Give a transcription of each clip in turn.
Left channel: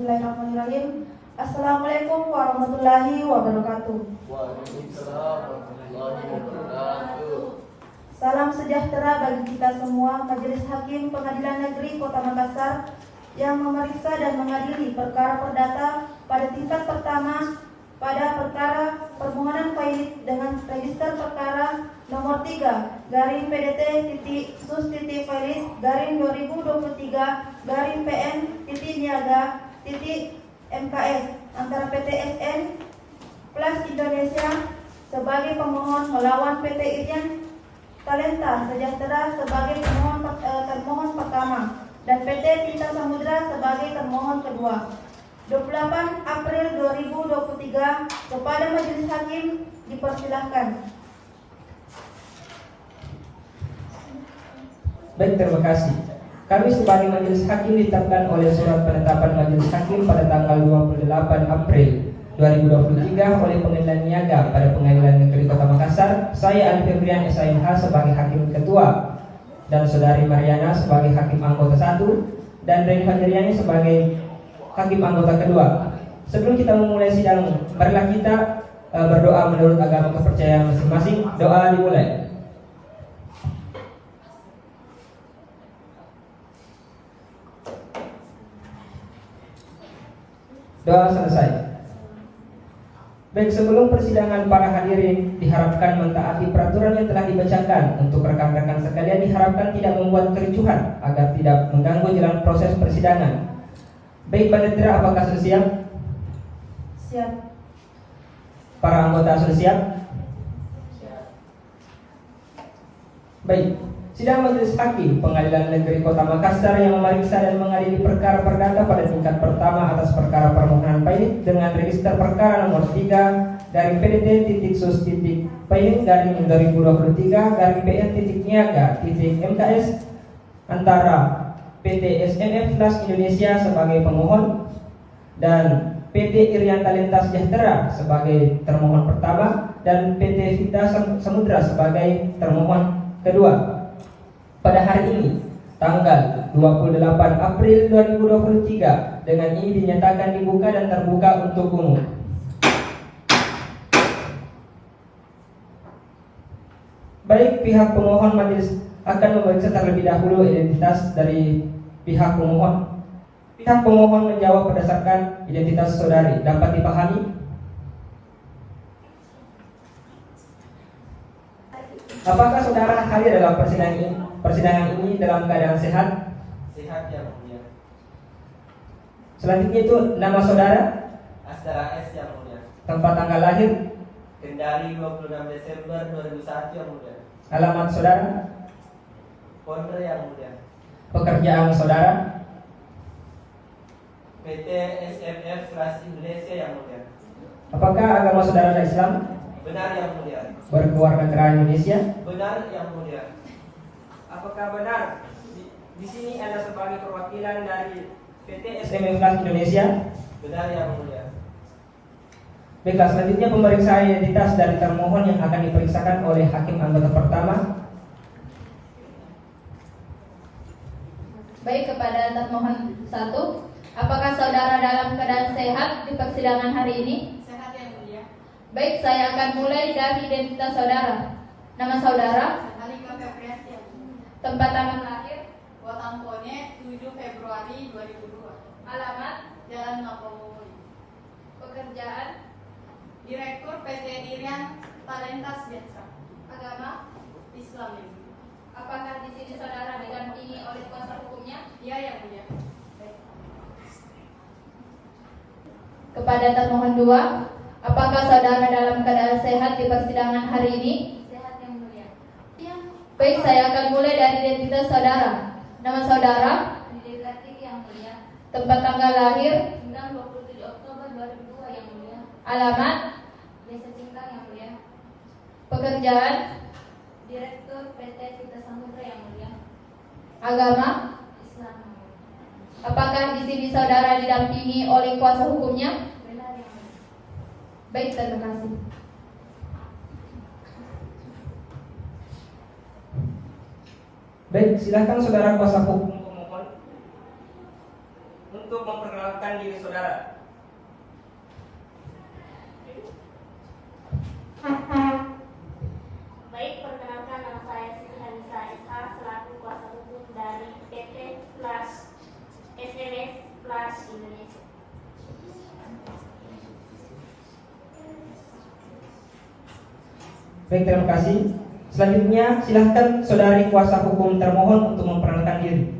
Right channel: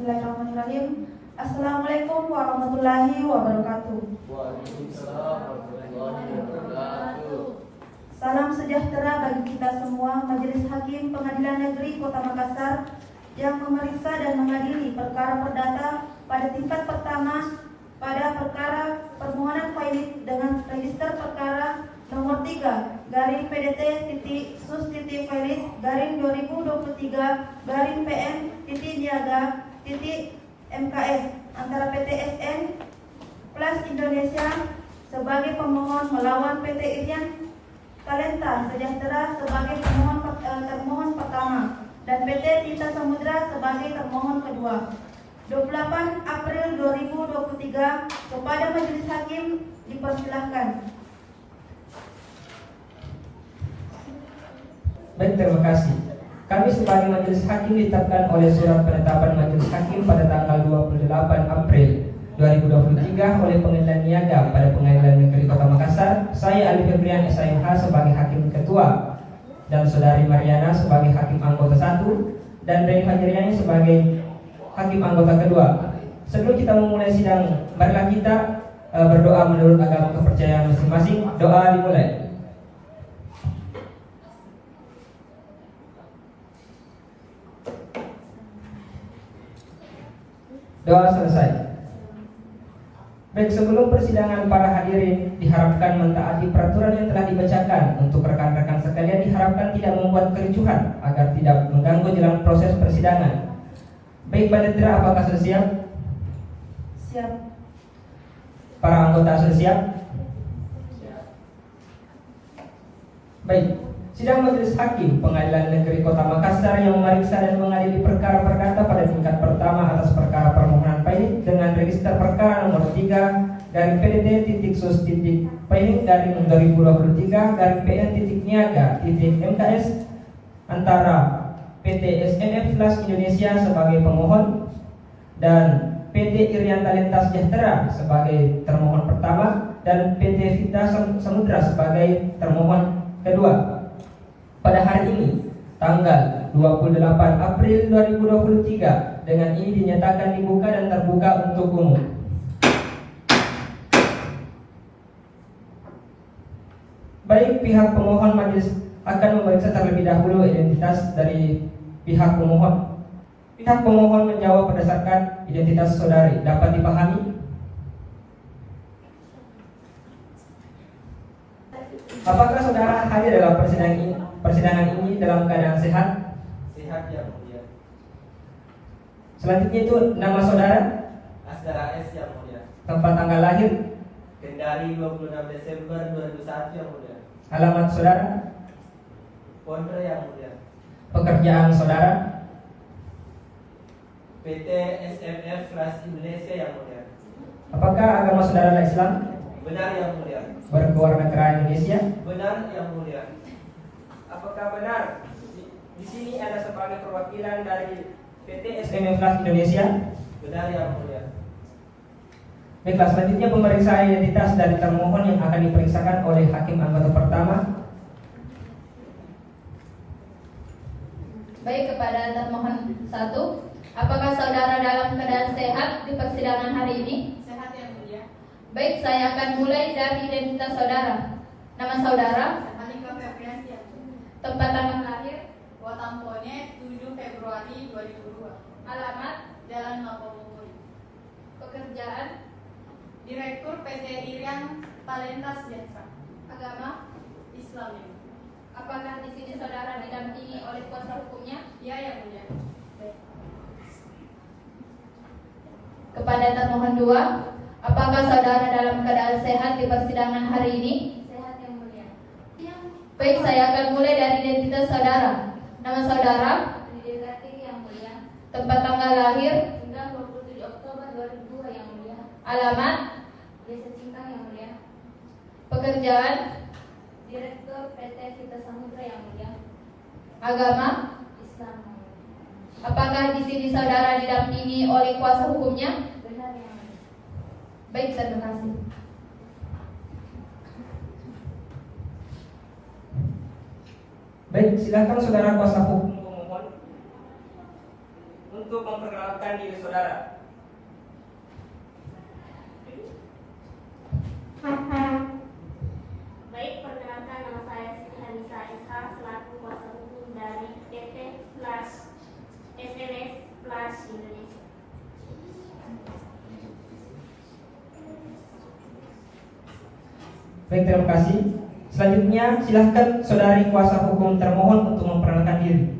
Bismillahirrahmanirrahim. Assalamualaikum warahmatullahi wabarakatuh. Waalaikumsalam warahmatullahi wabarakatuh. Salam sejahtera bagi kita semua. Majelis Hakim Pengadilan Negeri Kota Makassar yang memeriksa dan mengadili perkara perdata pada tingkat pertama pada perkara permohonan filing dengan register perkara nomor 3 garing PDT sus filing garing 2023 garing PN niaga MKS antara PT SN Plus Indonesia sebagai pemohon melawan PT Irian Talenta Sejahtera sebagai termohon pertama dan PT Tinta Samudra sebagai termohon kedua. 28 April 2023 kepada Majelis Hakim dipersilahkan. Baik, terima kasih. Kami sebagai Majelis Hakim ditetapkan oleh Surat Penetapan Majelis Hakim pada tanggal 28 April 2023 oleh Pengadilan Niaga pada Pengadilan Negeri Kota Makassar. Saya Ali Febrian SIMH sebagai Hakim Ketua dan Saudari Mariana sebagai Hakim Anggota 1 dan Reni Fadriani sebagai Hakim Anggota kedua. Sebelum kita memulai sidang, marilah kita berdoa menurut agama kepercayaan masing-masing. Doa dimulai. Doa selesai. Baik, sebelum persidangan para hadirin diharapkan mentaati peraturan yang telah dibacakan. Untuk rekan-rekan sekalian diharapkan tidak membuat kericuhan agar tidak mengganggu jalan proses persidangan. Baik, Panitera, apakah sudah siap? Siap. Para anggota sudah siap? Siap. Baik, sidang Majelis Hakim Pengadilan Negeri Kota Makassar yang memeriksa dan mengadili perkara perdata pada tingkat pertama atas perkara permohonan filing dengan register perkara nomor 3 dari PDT sus filing dari 2023 dari PN niaga MKS antara PT SNF Plus Indonesia sebagai pemohon dan PT Irian Talenta Sejahtera sebagai termohon pertama dan PT Tinta Samudra sebagai termohon kedua. Pada hari ini, tanggal 28 April 2023, dengan ini dinyatakan dibuka dan terbuka untuk umum. Baik, pihak pemohon majelis akan memeriksa terlebih dahulu identitas dari pihak pemohon. Pihak pemohon menjawab berdasarkan identitas saudari. Dapat dipahami? Apakah saudara hadir dalam persidangan ini dalam keadaan sehat? Sehat ya mulia. Selanjutnya itu nama saudara, Asdara S ya mulia. tempat tanggal lahir, Kendari 26 Desember 2001 ya mulia. alamat saudara, Pondok ya mulia. pekerjaan saudara, PT SNF Plus Indonesia ya mulia. apakah agama saudara Islam, Benar ya mulia. berkeluarga negara Indonesia, Benar ya mulia. apakah benar di sini Anda sebagai perwakilan dari PT SNF Plus Indonesia? Benar ya mulia. Baiklah, selanjutnya pemeriksaan identitas dari termohon yang akan diperiksakan oleh Hakim Anggota pertama. Baik, kepada termohon 1, apakah saudara dalam keadaan sehat di persidangan hari ini? Sehat ya mulia. Baik, saya akan mulai dari identitas saudara. Nama saudara, Halimah Febrian ya. tempat tanggal lahir, Wotampone 7 Februari 2002. alamat, Jalan Ngapomui. pekerjaan, Direktur PT Irian Talenta Sejahtera. agama. Islam ya. Apakah di sini saudara didampingi oleh kuasa hukumnya? Iya ya mulia. Kepada termohon 2, apakah saudara dalam keadaan sehat di persidangan hari ini? Sehat ya mulia. Iya. Baik, saya akan mulai dari identitas saudara. Nama saudara, Didekati yang mulia. tempat tanggal lahir, Tanggal 27 Oktober 2002 yang mulia. alamat, Desa Cingkang yang mulia. pekerjaan, Direktur PT Tinta Samudra yang mulia. agama. Islam yang mulia. Apakah di sini saudara didampingi oleh kuasa hukumnya? Benar yang mulia. Baik, terima kasih. Baik, silakan saudara kuasa hukum pemohon. untuk memperkenalkan diri saudara. Baik, perkenalkan nama saya Siti Hanisa SH selaku kuasa hukum dari PT Flash SLS Flash Indonesia. Baik, terima kasih. Selanjutnya silahkan saudari kuasa hukum termohon untuk memperkenalkan diri.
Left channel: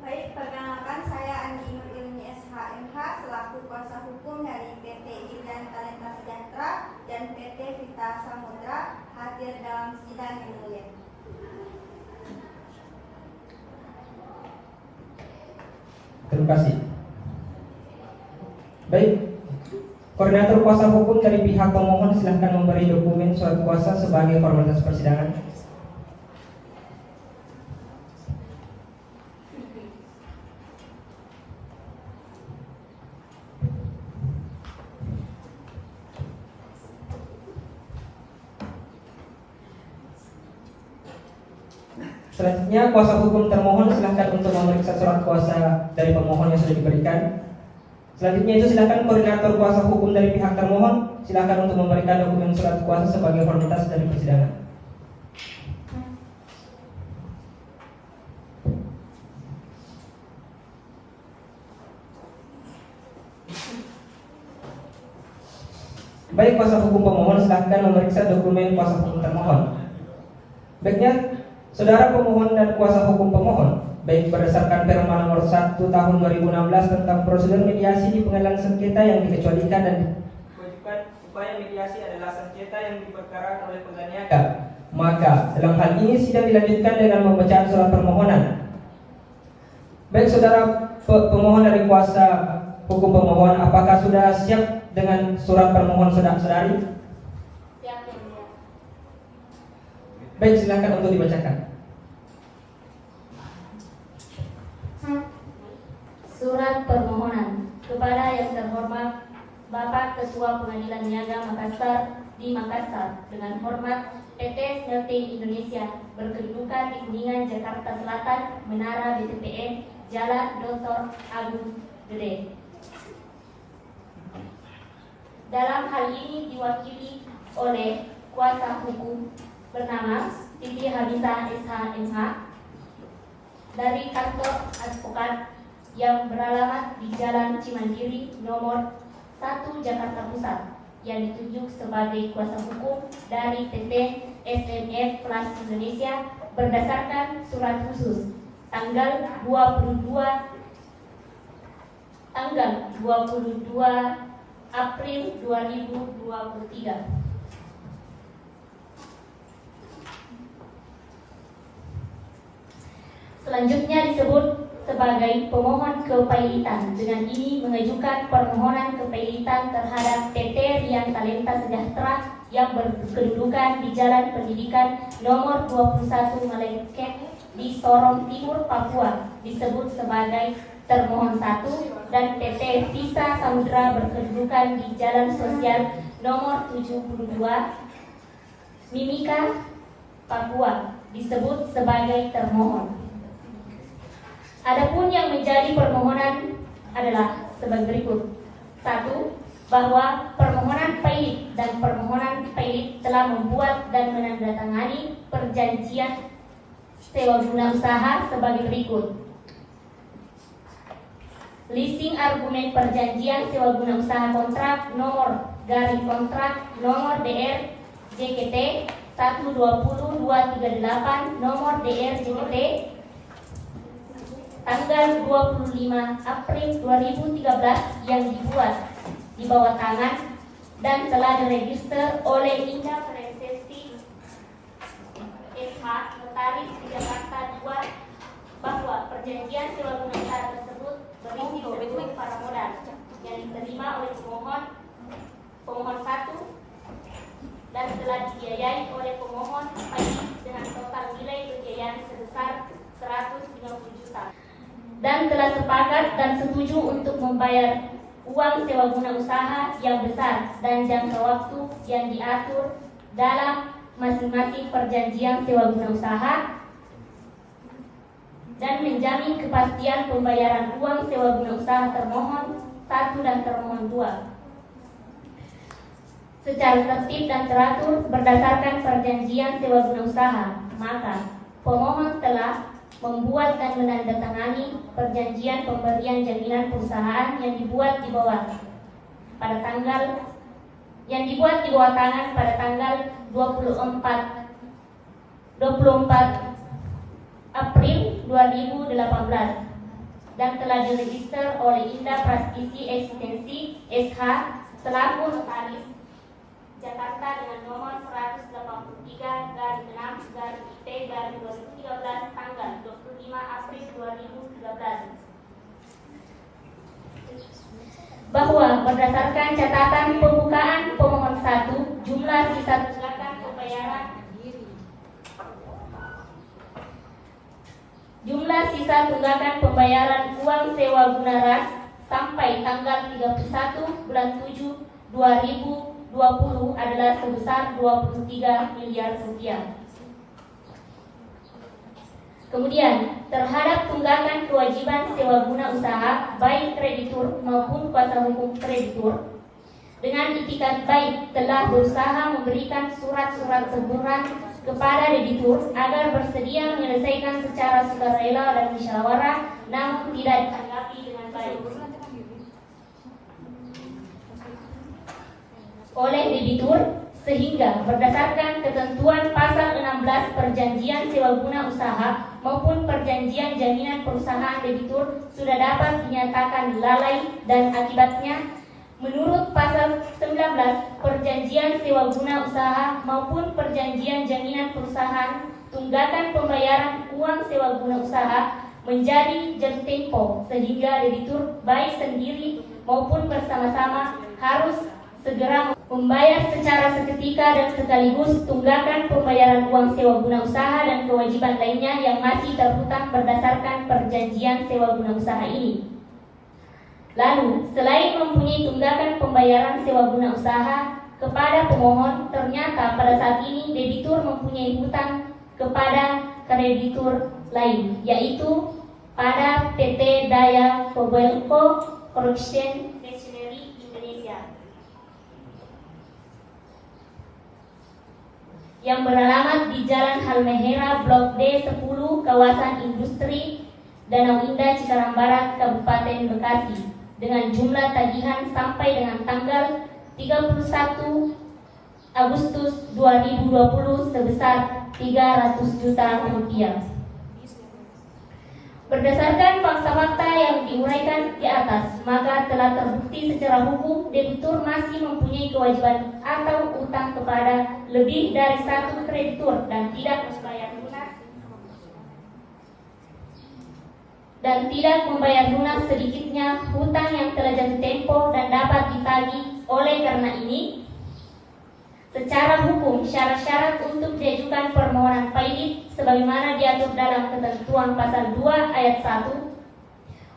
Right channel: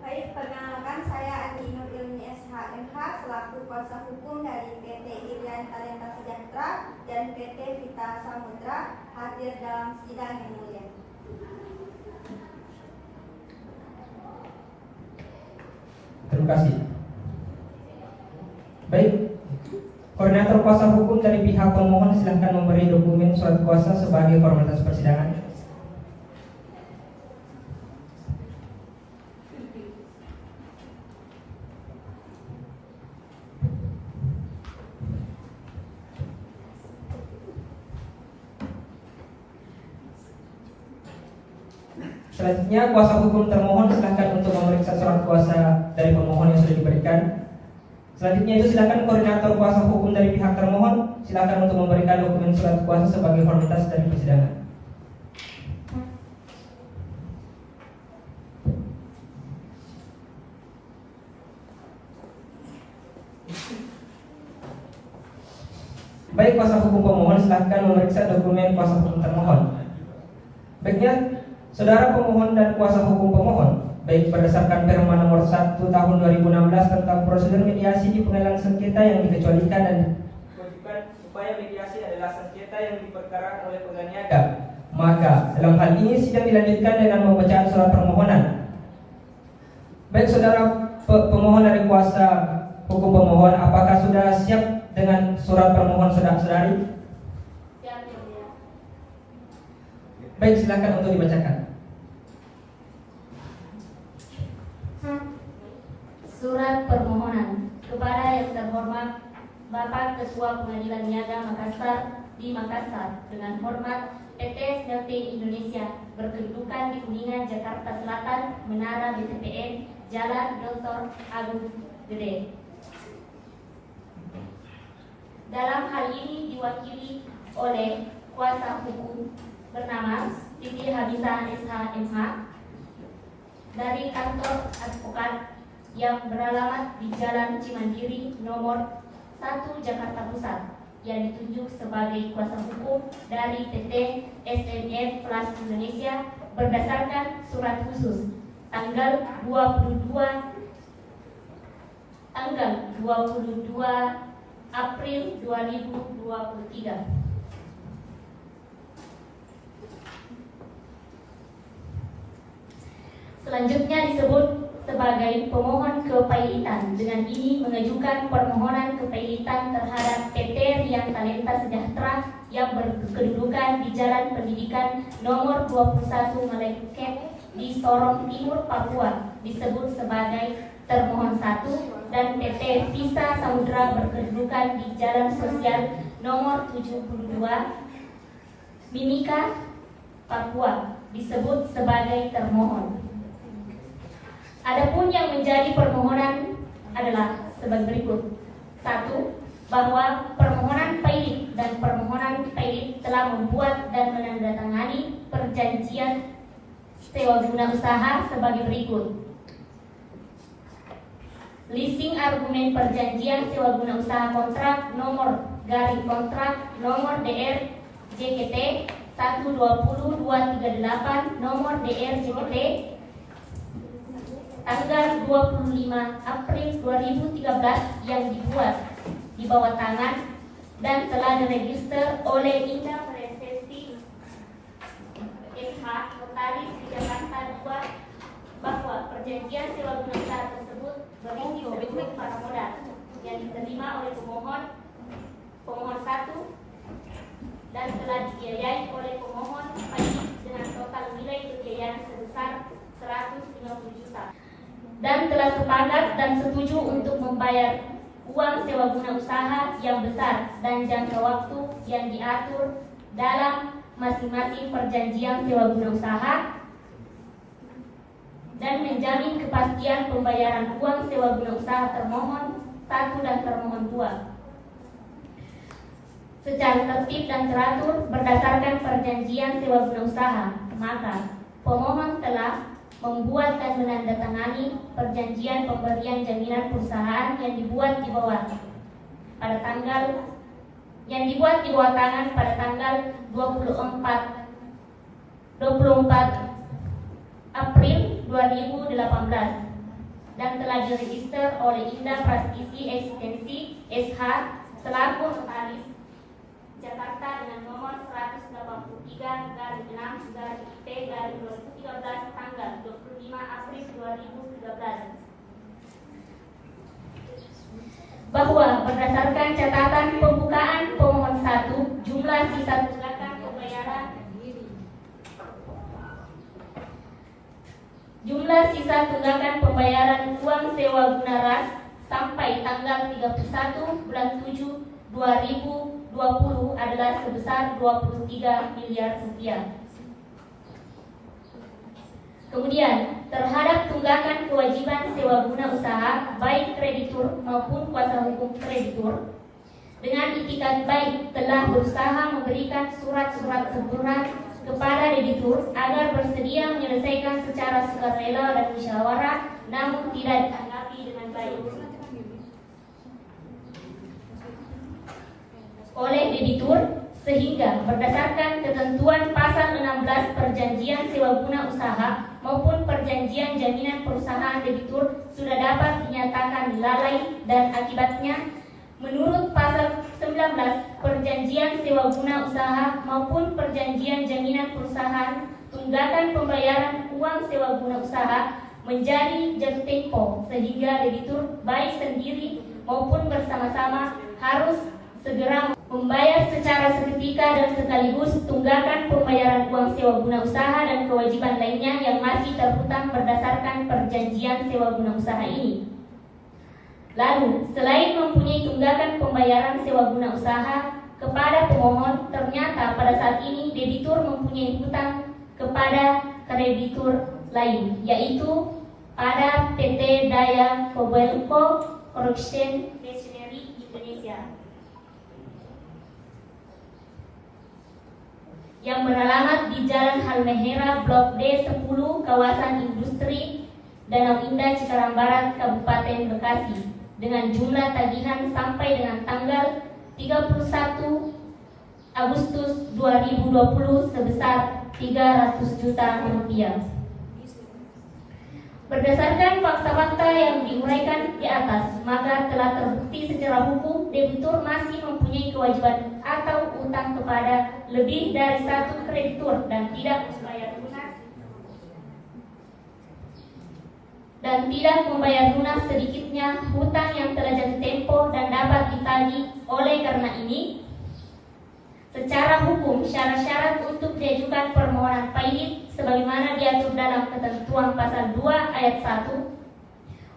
Baik, perkenalkan saya Andi Nur Ilmi SHMH selaku kuasa hukum dari PT Irian Talenta Sejahtera dan PT Vita Samudra hadir dalam sidang yang mulia. Terima kasih. Baik, koordinator kuasa hukum dari pihak pemohon silahkan memberi dokumen surat kuasa sebagai formalitas persidangan. Selanjutnya kuasa hukum termohon silakan untuk memeriksa surat kuasa dari pemohon yang sudah diberikan. Selanjutnya itu silakan koordinator kuasa hukum dari pihak termohon silakan untuk memberikan dokumen surat kuasa sebagai formalitas dari persidangan. Baik, kuasa hukum pemohon silakan memeriksa dokumen kuasa hukum termohon. Baiknya, saudara pemohon dan kuasa hukum pemohon, baik berdasarkan Perma nomor 1 tahun 2016 tentang prosedur mediasi di pengadilan sengketa yang dikecualikan dan kewajiban upaya mediasi adalah sengketa yang diperkarakan oleh penganiaya. Maka dalam hal ini sidang dilanjutkan dengan pembacaan surat permohonan. Baik, saudara pemohon dari kuasa hukum pemohon, apakah sudah siap dengan surat permohonan saudara-saudari? Siap, yang mulia. Baik, silakan untuk dibacakan. Surat permohonan kepada yang terhormat Bapak Ketua Pengadilan Niaga Makassar di Makassar, dengan hormat PT Smelting Indonesia berkedudukan di Kuningan, Jakarta Selatan, Menara BPPN, Jalan Dr. Agung Gede. Dalam hal ini diwakili oleh kuasa hukum bernama Siti Hanisa SHMH dari kantor advokat yang beralamat di Jalan Cimandiri nomor 1 Jakarta Pusat, yang ditunjuk sebagai kuasa hukum dari PT SMF Flash Indonesia berdasarkan surat khusus tanggal 22 April 2023. Selanjutnya disebut sebagai pemohon kepailitan. Dengan ini mengajukan permohonan kepailitan terhadap PT Rian Talenta Sejahtera yang berkedudukan di Jalan Pendidikan nomor 21 Meleket di Sorong Timur, Papua, disebut sebagai termohon 1, dan PT Visa Samudra berkedudukan di Jalan Sosial nomor 72 Mimika, Papua, disebut sebagai termohon. Adapun yang menjadi permohonan adalah sebagai berikut. 1. Bahwa permohonan pailit dan permohonan pailit telah membuat dan menandatangani perjanjian sewa guna usaha sebagai berikut. Leasing argumen perjanjian sewa guna usaha kontrak nomor DR JKT 120-238 nomor DR JKT tanggal 25 April 2013 yang dibuat di bawah tangan dan telah diregister oleh Indah Presenti SH Notaris di Jakarta 2, bahwa perjanjian sewa guna usaha tersebut berisi berikut para modal yang diterima oleh pemohon 1 dan telah dibiayai oleh pemohon dengan total nilai pembiayaan sebesar 150 juta, dan telah sepakat dan setuju untuk membayar uang sewa guna usaha yang besar dan jangka waktu yang diatur dalam masing-masing perjanjian sewa guna usaha, dan menjamin kepastian pembayaran uang sewa guna usaha termohon 1 dan termohon 2 secara tertib dan teratur berdasarkan perjanjian sewa guna usaha, maka pemohon telah membuat dan menandatangani perjanjian pemberian jaminan perusahaan yang dibuat di bawah tangan pada tanggal 24 April 2018 dan telah diregister oleh Indah Prastiti Eksistensi SH selaku notaris Jakarta dengan nomor 183/6/IT/2013 tanggal 25 April 2013. Bahwa berdasarkan catatan pembukaan pemohon 1, jumlah sisa tunggakan pembayaran uang sewa guna ras sampai tanggal 31 bulan 7 2020 adalah sebesar 23 miliar rupiah. Kemudian, terhadap tunggakan kewajiban sewa guna usaha baik kreditur maupun kuasa hukum kreditur, dengan itikat baik telah berusaha memberikan surat-surat teguran kepada debitur agar bersedia menyelesaikan secara sukarela dan musyawarah, namun tidak ditanggapi dengan baik oleh debitur, sehingga berdasarkan ketentuan pasal 16 perjanjian sewa guna usaha maupun perjanjian jaminan perusahaan debitur sudah dapat dinyatakan lalai, dan akibatnya menurut pasal 19 perjanjian sewa guna usaha maupun perjanjian jaminan perusahaan, tunggakan pembayaran uang sewa guna usaha menjadi jatuh tempo, sehingga debitur baik sendiri maupun bersama-sama harus segera membayar secara seketika dan sekaligus tunggakan pembayaran uang sewa guna usaha dan kewajiban lainnya yang masih terhutang berdasarkan perjanjian sewa guna usaha ini. Lalu, selain mempunyai tunggakan pembayaran sewa guna usaha kepada pemohon, ternyata pada saat ini debitur mempunyai hutang kepada kreditur lain, yaitu pada PT Daya Kobelco Production Machinery Indonesia yang beralamat di Jalan Halmahera Blok D 10, kawasan industri Danau Indah, Cikarang Barat, Kabupaten Bekasi, dengan jumlah tagihan sampai dengan tanggal 31 Agustus 2020 sebesar 300 juta rupiah. Berdasarkan fakta-fakta yang diuraikan di atas, maka telah terbukti secara hukum debitur masih mempunyai kewajiban atau utang kepada lebih dari satu kreditur dan tidak membayar lunas sedikitnya hutang yang telah jatuh tempo dan dapat ditagih. Oleh karena ini, secara hukum syarat-syarat untuk diajukan permohonan pailit sebagaimana diatur dalam ketentuan pasal 2 ayat 1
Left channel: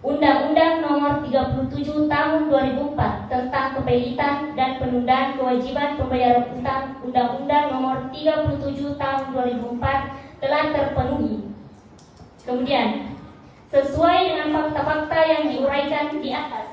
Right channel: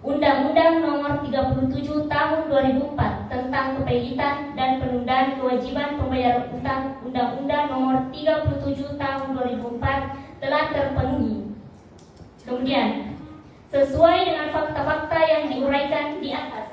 Undang-Undang Nomor 37 Tahun 2004 tentang kepailitan dan penundaan kewajiban pembayaran utang, Undang-Undang Nomor 37 Tahun 2004 telah terpenuhi. Kemudian, sesuai dengan fakta-fakta yang diuraikan di atas,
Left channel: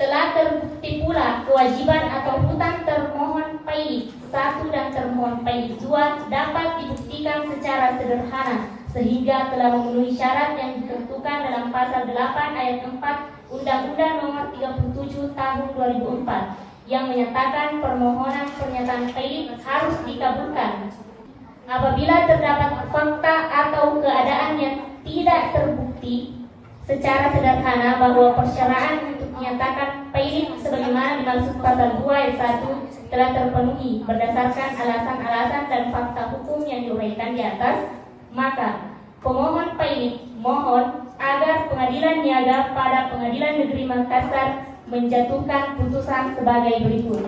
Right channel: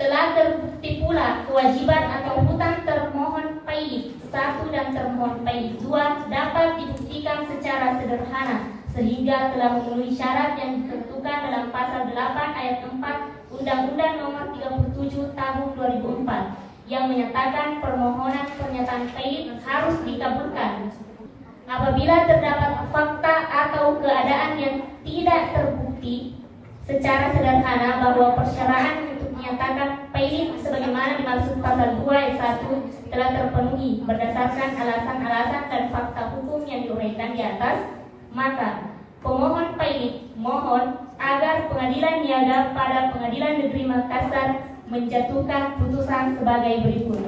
telah terbukti pula kewajiban atau hutang termohon pailit 1 dan termohon pailit 2 dapat dibuktikan secara sederhana sehingga telah memenuhi syarat yang ditentukan dalam pasal 8 ayat 4 Undang-Undang Nomor 37 Tahun 2004 yang menyatakan permohonan pernyataan pailit harus dikabulkan apabila terdapat fakta atau keadaan yang tidak terbukti secara sederhana bahwa persyaratan untuk menyatakan pailit sebagaimana dimaksud pasal 2 ayat 1 telah terpenuhi berdasarkan alasan-alasan dan fakta hukum yang diuraikan di atas, maka pemohon pailit mohon agar Pengadilan Niaga pada Pengadilan Negeri Makassar menjatuhkan putusan sebagai berikut.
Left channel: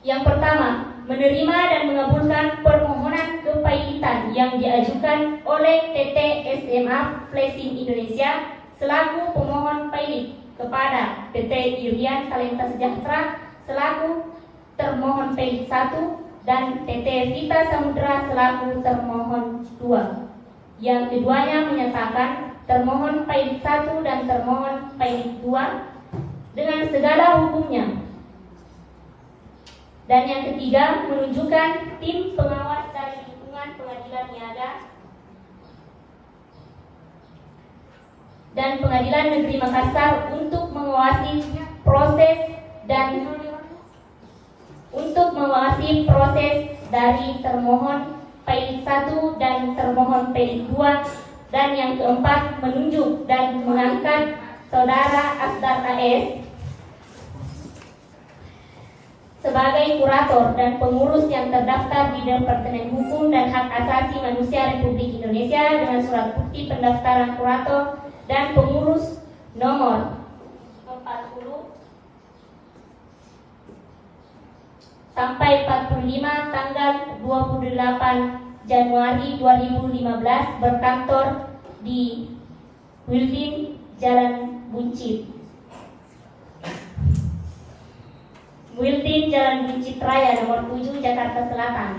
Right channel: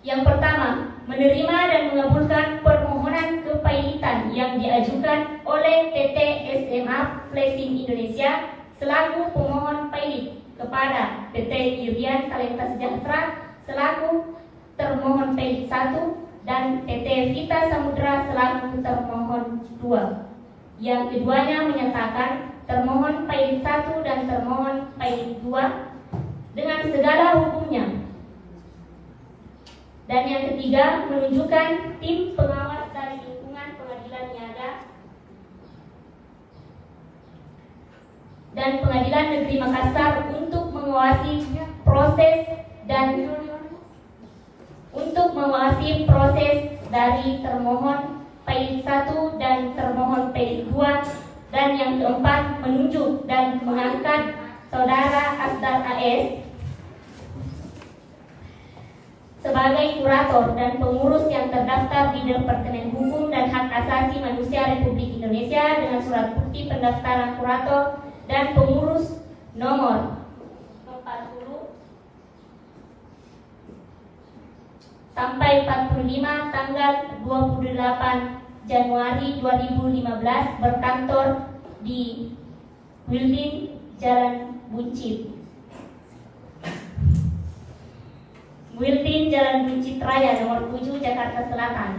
Yang pertama, menerima dan mengabulkan permohonan kepailitan yang diajukan oleh PT SMA Flashing Indonesia selaku pemohon pailit kepada PT Irian Talenta Sejahtera selaku termohon pailit 1 dan PT Vita Samudra selaku termohon 2. Yang keduanya menyatakan termohon pailit 1 dan termohon pailit 2 dengan segala hukumnya. Dan yang ketiga, menunjukkan tim pengawas dari lingkungan pengadilan niaga dan Pengadilan Negeri Makassar untuk mengawasi proses dari termohon pailit 1 dan termohon pailit 2, dan yang keempat, menunjuk dan mengangkat Saudara Asdar AS sebagai kurator dan pengurus yang terdaftar di Departemen Hukum dan Hak Asasi Manusia Republik Indonesia dengan surat bukti pendaftaran kurator dan pengurus nomor 40 sampai 45 tanggal 28 Januari 2015 berkantor di Building Jalan Buncit Raya nomor 7 Jakarta Selatan.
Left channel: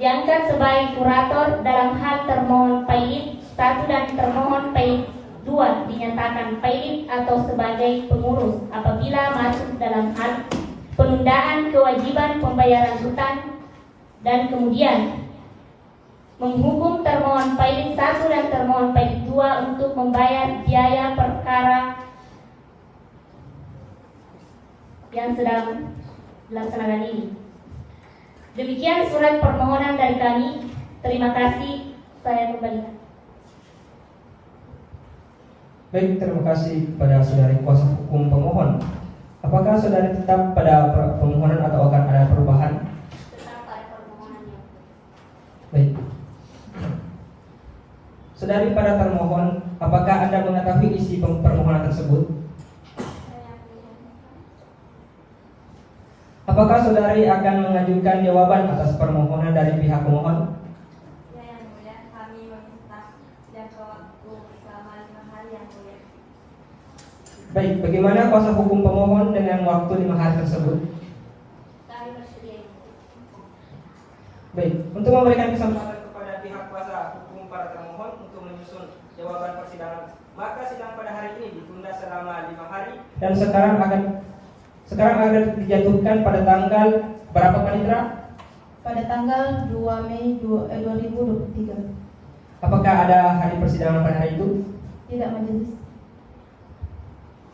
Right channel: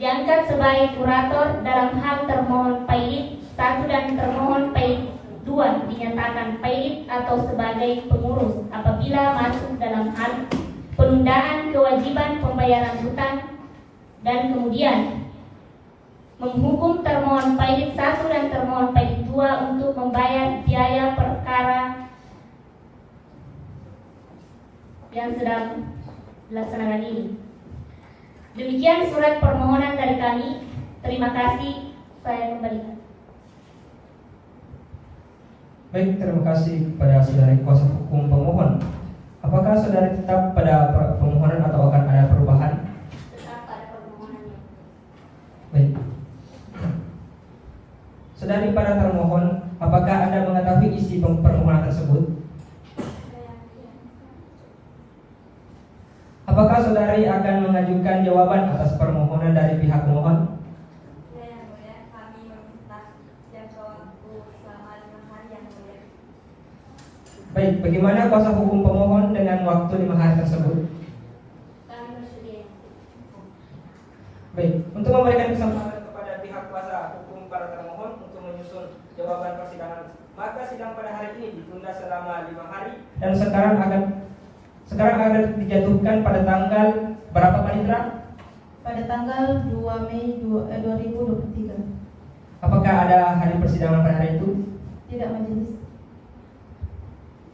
Diangkat sebagai kurator dalam hal termohon pailit 1 dan termohon pailit 2 dinyatakan pailit atau sebagai pengurus apabila masuk dalam hal penundaan kewajiban pembayaran hutang, dan kemudian menghukum termohon pailit 1 dan termohon pailit 2 untuk membayar biaya perkara yang sedang dilaksanakan ini. Demikian surat permohonan dari kami. Terima kasih. Saya kembalikan. Baik, terima kasih kepada saudari kuasa hukum pemohon. Apakah saudari tetap pada permohonan atau akan ada perubahan? Tetap pada permohonannya. Baik. Saudari pada termohon, apakah Anda mengetahui isi permohonan tersebut? Apakah saudari akan mengajukan jawaban atas permohonan dari pihak pemohon? Kami meminta jadwal selama 5 hari yang boleh. Baik, bagaimana kuasa hukum pemohon dengan waktu 5 hari tersebut? Kami bersedia. Baik, untuk memberikan kesempatan kepada pihak kuasa hukum para termohon untuk menyusun jawaban persidangan, maka sidang pada hari ini ditunda selama 5 hari dan sekarang akan dijatuhkan pada tanggal berapa Panitra? Pada tanggal 2 Mei 2023. Apakah ada hari persidangan pada hari itu? Tidak, majelis.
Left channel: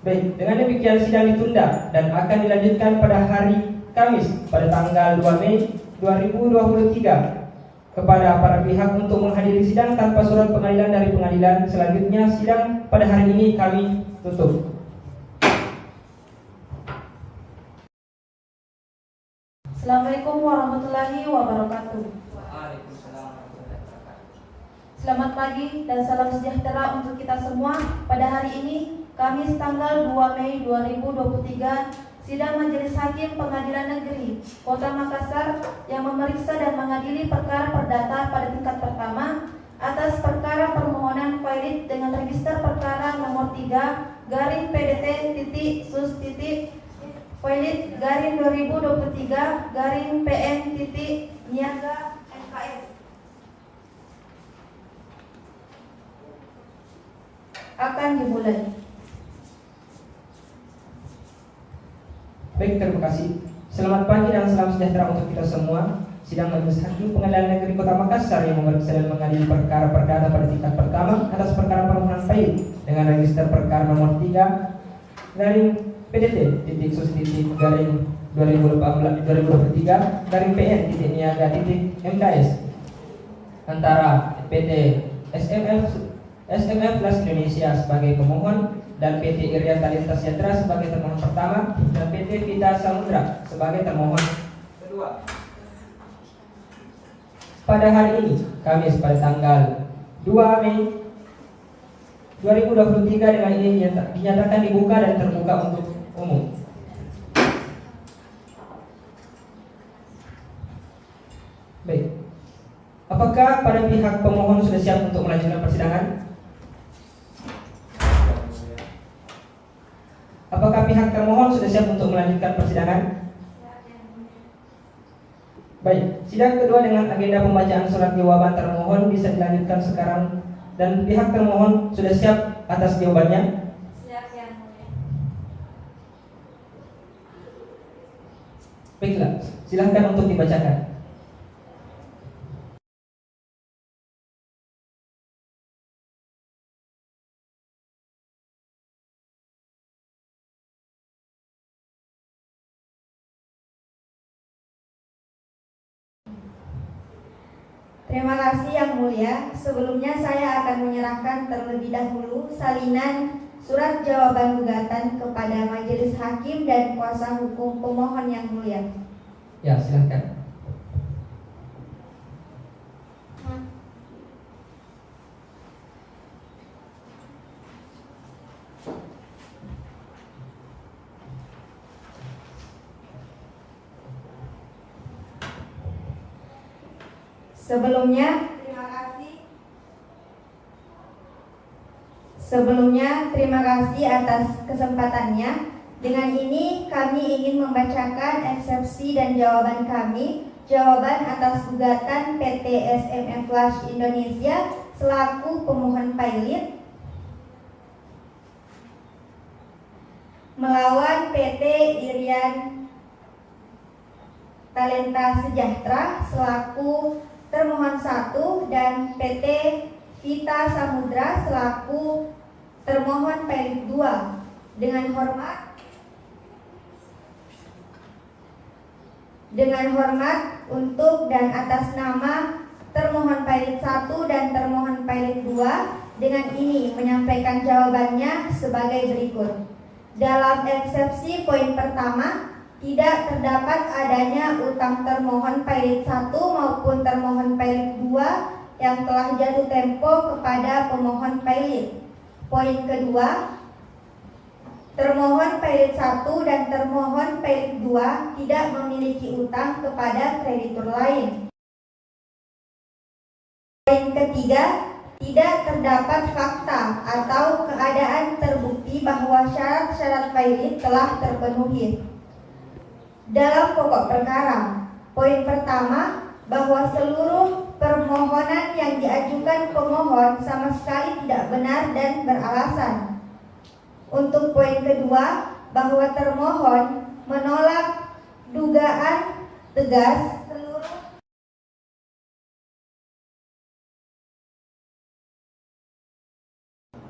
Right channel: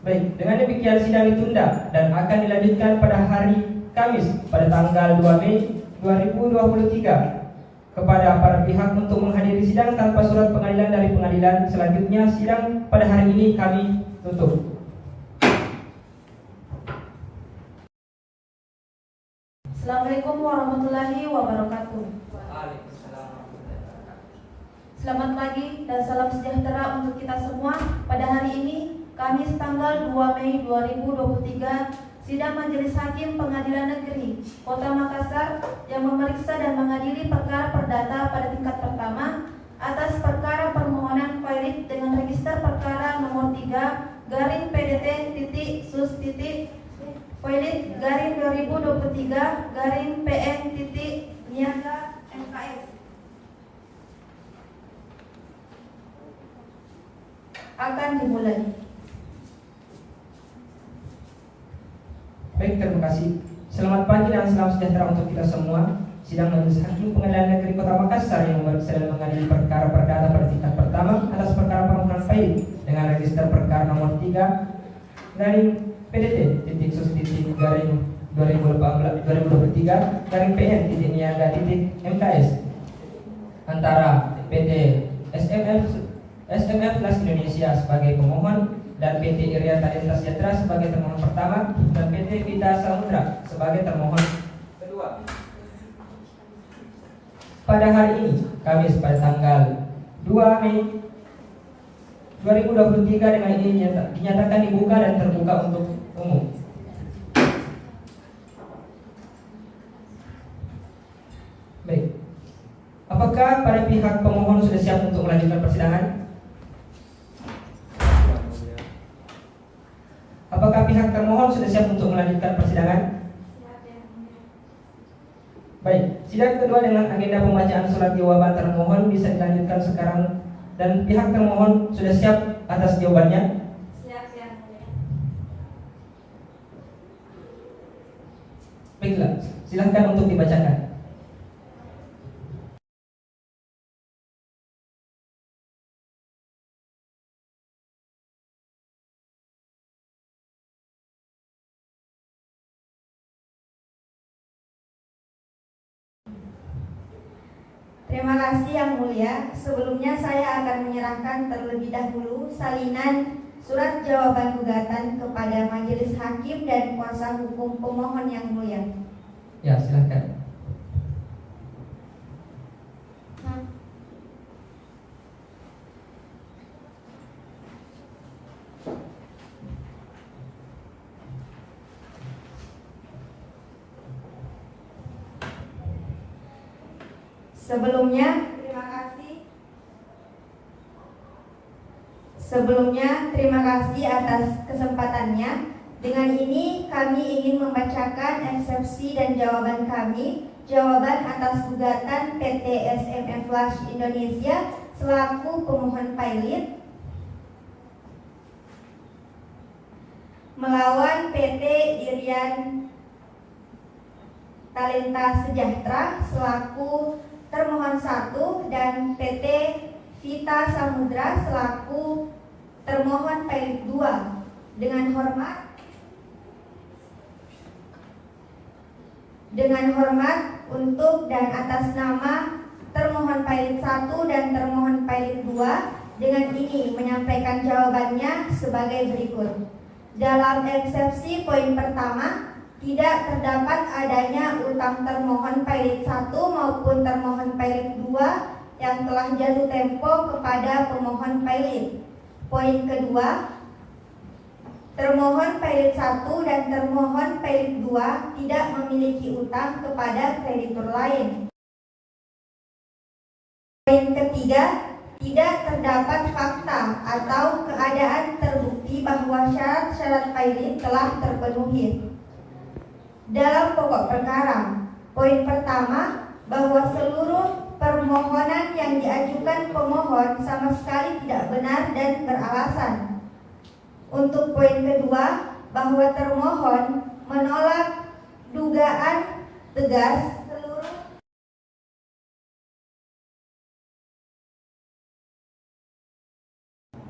Baik, dengan demikian sidang ditunda dan akan dilanjutkan pada hari Kamis pada tanggal 2 Mei 2023 kepada para pihak untuk menghadiri sidang tanpa surat pengadilan dari pengadilan. Selanjutnya sidang pada hari ini kami tutup. Assalamualaikum warahmatullahi wabarakatuh. Waalaikumsalam warahmatullahi wabarakatuh. Selamat pagi dan salam sejahtera untuk kita semua. Pada hari ini, Kamis tanggal 2 Mei 2023, sidang Majelis Hakim Pengadilan Negeri Kota Makassar yang memeriksa dan mengadili perkara perdata pada tingkat pertama atas perkara permohonan pailit dengan register perkara nomor 3 garing PDT titik sus titik pailit garing 2023 garing PN titik niaga MKS akan dimulai. Baik, terima kasih. Selamat pagi dan salam sejahtera untuk kita semua. Sidang Majelis Hakim Pengadilan Negeri Kota Makassar yang sedang mengadili perkara perdata pada tingkat pertama atas perkara permohonan pailit dengan register perkara nomor 3 garing PDT titik sus titik garing 2023 garing PN titik niaga titik MKS antara PT SMF Plus Indonesia sebagai pemohon dan PT Iria Talenta Sejahtera sebagai termohon pertama dan PT Vita Samudra sebagai termohon kedua. Pada hari ini, Kamis pada tanggal 2 Mei 2023 dengan ini dinyatakan dibuka dan terbuka untuk umum. Baik. Apakah pada pihak pemohon sudah siap untuk melanjutkan persidangan? Apakah pihak termohon sudah siap untuk melanjutkan persidangan? Baik, sidang kedua dengan agenda pembacaan surat jawaban termohon bisa dilanjutkan sekarang dan pihak termohon sudah siap atas jawabannya. Siap Yang Mulia. Baiklah, silahkan untuk dibacakan. Terima kasih Yang Mulia. Sebelumnya saya akan menyerahkan terlebih dahulu salinan surat jawaban gugatan kepada Majelis Hakim dan kuasa hukum pemohon Yang Mulia. Ya, silahkan. Sebelumnya, terima kasih atas kesempatannya. Dengan ini kami ingin membacakan eksepsi dan jawaban kami. Jawaban atas gugatan PT SMF Flash Indonesia selaku pemohon pilot melawan PT Irian Talenta Sejahtera selaku termohon 1 dan PT Vita Samudra selaku termohon pilot 2. Dengan hormat untuk dan atas nama termohon pilot 1 dan termohon pilot 2 dengan ini menyampaikan jawabannya sebagai berikut. Dalam eksepsi poin pertama, tidak terdapat adanya utang termohon pilot 1 maupun termohon pilot 2 yang telah jatuh tempo kepada pemohon pilot. Poin kedua, termohon pilot 1 dan termohon pilot 2 tidak memiliki utang kepada kreditur lain. Poin ketiga, tidak terdapat fakta atau keadaan terbukti bahwa syarat-syarat pilot telah terpenuhi. Dalam pokok perkara, poin pertama, bahwa seluruh permohonan yang diajukan pemohon sama sekali tidak benar dan beralasan. Untuk poin kedua, bahwa termohon menolak dugaan tegas seluruh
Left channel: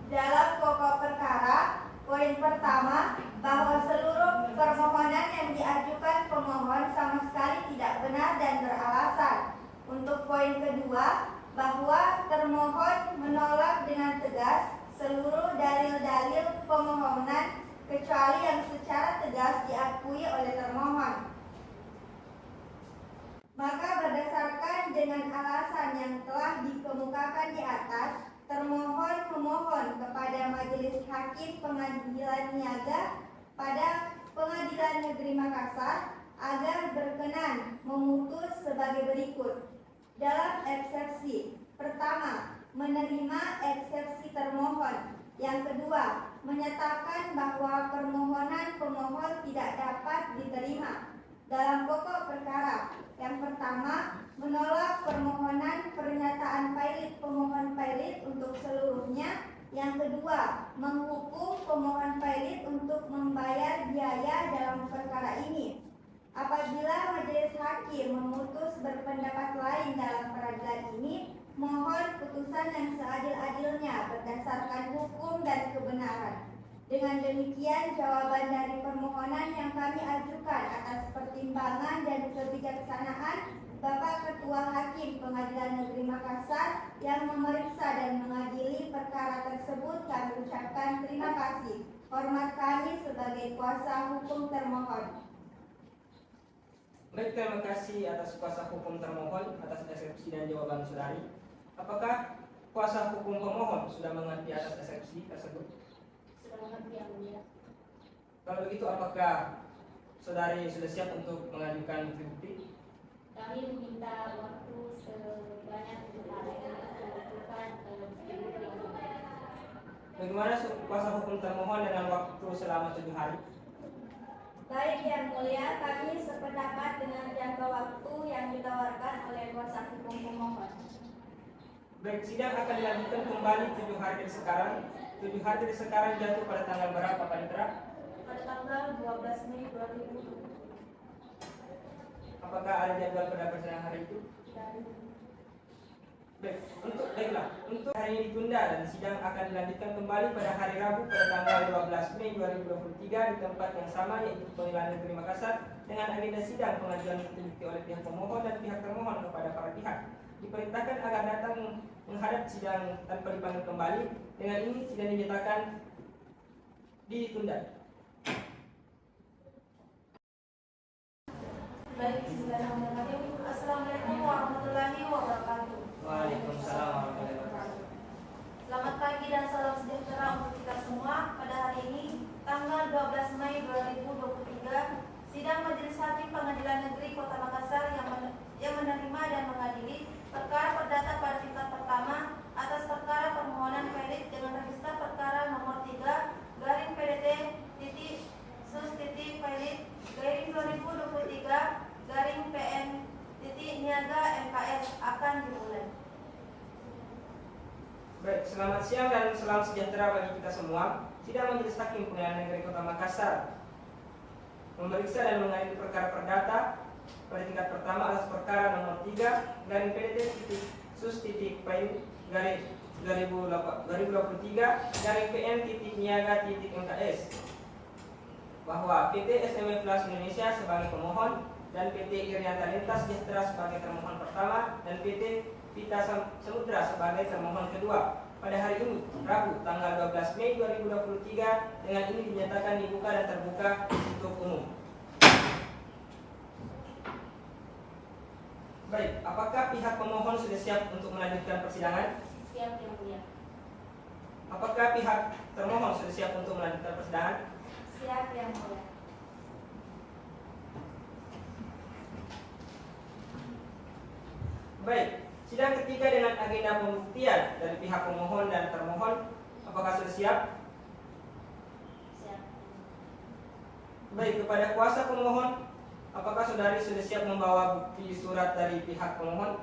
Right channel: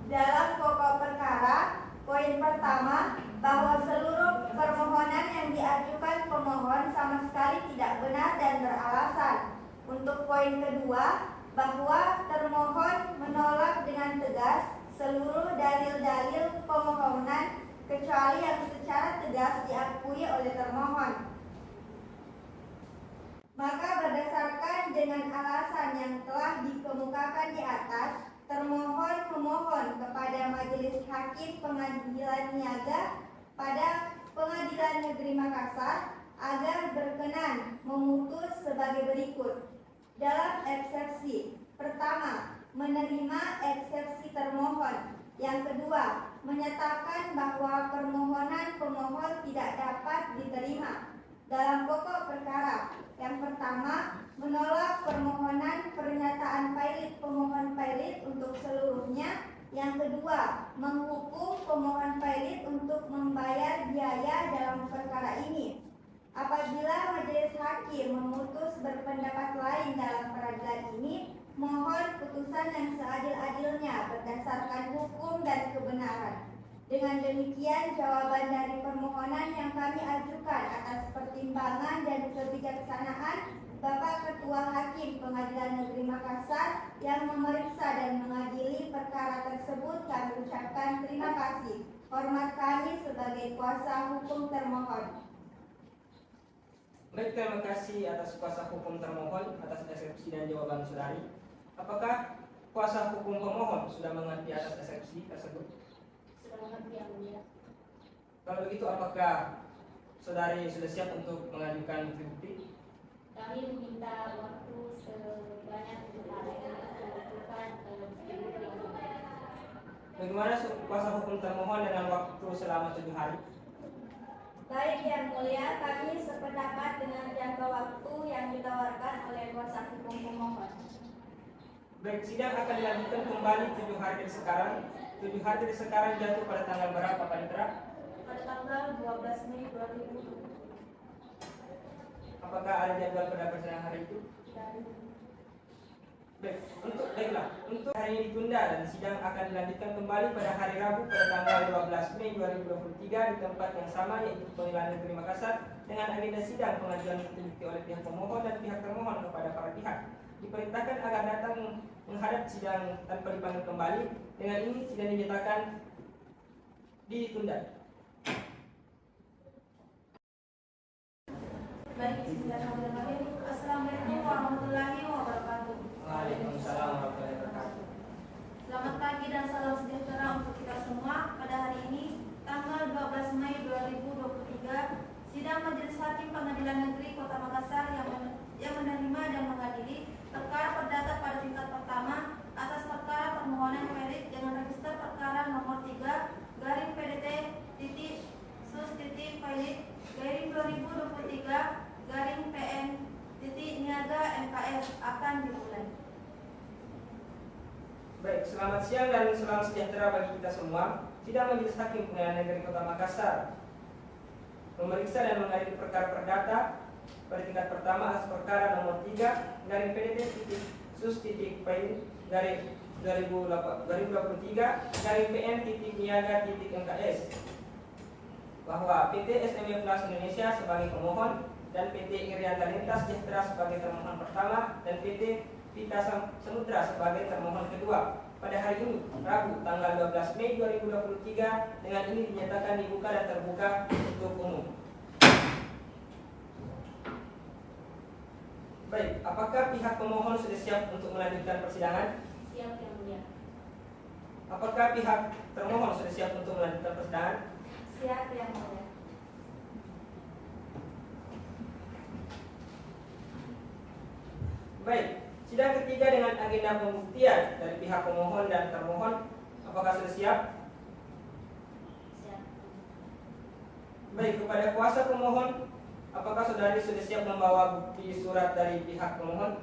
dalam pokok perkara. Poin pertama, bahwa seluruh permohonan yang diajukan pemohon sama sekali tidak benar dan beralasan. Untuk poin kedua, bahwa termohon menolak dengan tegas seluruh dalil-dalil pemohonan kecuali yang secara tegas diakui oleh termohon. Maka berdasarkan dengan alasan yang telah dikemukakan di atas, termohon memohon kepada Majelis Hakim Pengadilan Niaga pada Pengadilan Negeri Makassar agar berkenan memutus sebagai berikut. Dalam eksepsi pertama, menerima eksepsi termohon. Yang kedua, menyatakan bahwa permohonan pemohon tidak dapat diterima. Dalam pokok perkara, yang pertama, menolak permohonan pernyataan pilot pemohon pilot untuk seluruhnya. Yang kedua, menghukum pemohon pilot untuk membayar biaya dalam perkara ini. Apabila Majelis Hakim memutus berpendapat lain dalam peradilan ini, mohon putusan yang seadil-adilnya berdasarkan hukum dan kebenaran. Dengan demikian, jawaban dari permohonan yang kami ajukan atas pertimbangan dan kebijaksanaan Bapak Ketua Hakim Pengadilan Negeri Makassar yang memeriksa dan mengadili perkara tersebut, kami ucapkan terima kasih. Hormat kami sebagai kuasa hukum termohon. Baik, terima kasih atas kuasa hukum termohon atas eksepsi dan jawaban saudari. Apakah kuasa hukum pemohon sudah mengerti atas eksepsi tersebut? Sudah mengerti Yang Mulia. Kalau begitu, apakah saudari sudah siap untuk mengajukan bukti? Kami meminta waktu sebanyak 7 hari untuk menentukan Bagaimana kuasa hukum termohon dengan waktu selama 7 hari? Baik Yang Mulia, kami sependapat dengan jangka waktu yang ditetapkan Baik, sidang akan dilanjutkan kembali 7 hari dari sekarang. 7 hari dari sekarang jatuh pada tanggal berapa, Pak Nitra? Pada tanggal 12 Mei 2020. Apakah ada jadwal pada persidangan hari itu? Baiklah, untuk hari ini ditunda dan sidang akan dilanjutkan kembali pada hari Rabu pada tanggal 12 Mei 2023 di tempat yang sama, yaitu Pengadilan Negeri Makassar, dengan agenda sidang pengajuan bukti bukti oleh pihak pemohon dan pihak termohon kepada para pihak. Diperintahkan agar datang menghadap sidang tanpa dipanggil kembali. Dengan ini sidang dinyatakan ditunda. Baik, bismillahirrahmanirrahim. Assalamualaikum warahmatullahi wabarakatuh. Waalaikumsalam warahmatullahi wabarakatuh. Selamat pagi dan salam sejahtera untuk kita semua. Pada hari ini, tanggal 12 Mei 2023, sidang Majelis Hakim Pengadilan Negeri Kota Makassar yang menerima dan mengadili perkara perdata pada tingkat pertama atas perkara permohonan perit dengan register perkara nomor 3 garing PDT sus Pailit garing 2023 garing PN Niaga MKS akan dimulai. Baik, selamat siang dan salam sejahtera bagi kita semua. Sidang Majelis Hakim Pengadilan Negeri Kota Makassar memeriksa dan mengadili perkara perdata pada tingkat pertama atas perkara nomor 3 garing PDT sus Pailit garing 2023 garing PN Niaga MKS bahwa PT SME Plus Indonesia sebagai pemohon dan PT Irian Talenta Sejahtera sebagai termohon pertama dan PT Vita Samudra sebagai termohon kedua pada hari ini Rabu tanggal 12 Mei 2023 dengan ini dinyatakan dibuka dan terbuka untuk umum. Baik, apakah pihak pemohon sudah siap untuk melanjutkan persidangan? Siap, Yang Mulia. Apakah pihak termohon sudah siap untuk melanjutkan persidangan? Siap, Yang Mulia. Baik, sidang ketiga dengan agenda pembuktian dari pihak pemohon dan termohon, apakah sudah siap? Siap. Baik, kepada kuasa pemohon, apakah saudari sudah siap membawa bukti surat dari pihak pemohon?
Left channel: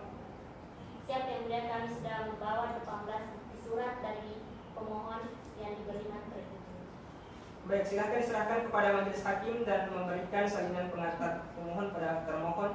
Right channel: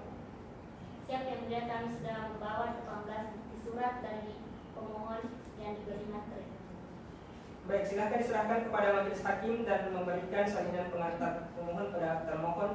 Siap, Yang Mulia. Kami sudah membawa 18 bukti surat dari pemohon yang diberi materi. Baik, silakan diserahkan kepada majelis hakim dan memberikan salinan pengantar pemohon pada termohon.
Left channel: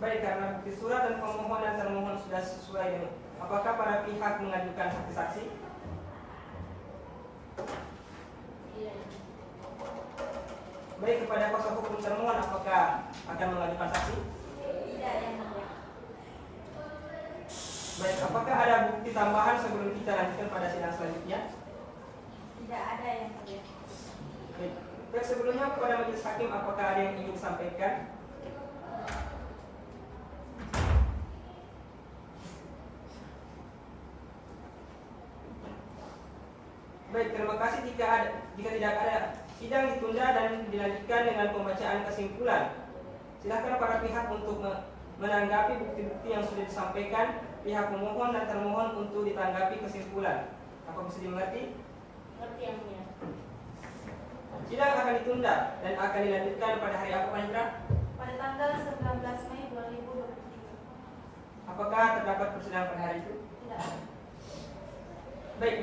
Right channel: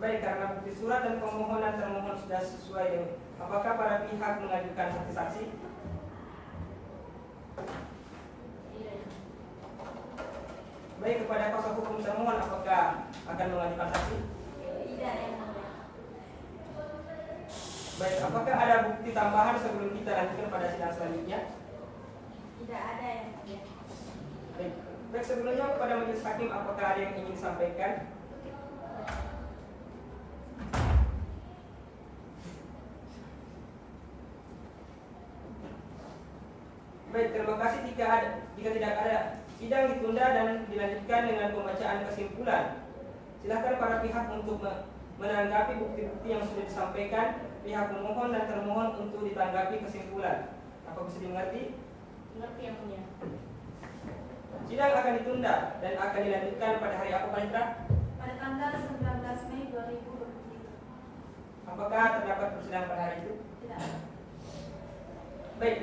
Baik, karena bukti surat dan pemohon dan termohon sudah sesuai dengan apakah para pihak mengajukan saksi-saksi? Iya. Baik, kepada kuasa hukum termohon apakah akan mengajukan saksi? Tidak, Yang Mulia. Baik, apakah ada bukti tambahan sebelum kita lanjutkan pada sidang selanjutnya? Tidak ada, Yang Mulia. Baik, sebelumnya kepada majelis hakim apakah ada yang ingin disampaikan? Baik, terima kasih. Jika tidak ada, sidang ditunda dan dilanjutkan dengan pembacaan kesimpulan. Silakan para pihak untuk menanggapi bukti-bukti yang sudah disampaikan pihak pemohon dan termohon untuk ditanggapi kesimpulan. Apa bisa dimengerti? Mengerti, Yang Mulia. Sidang akan ditunda dan akan dilanjutkan pada hari apa, Pak Indra? Pada tanggal 19 Mei 2023. Apakah terdapat persidangan pada hari itu? Tidak ada. Baik,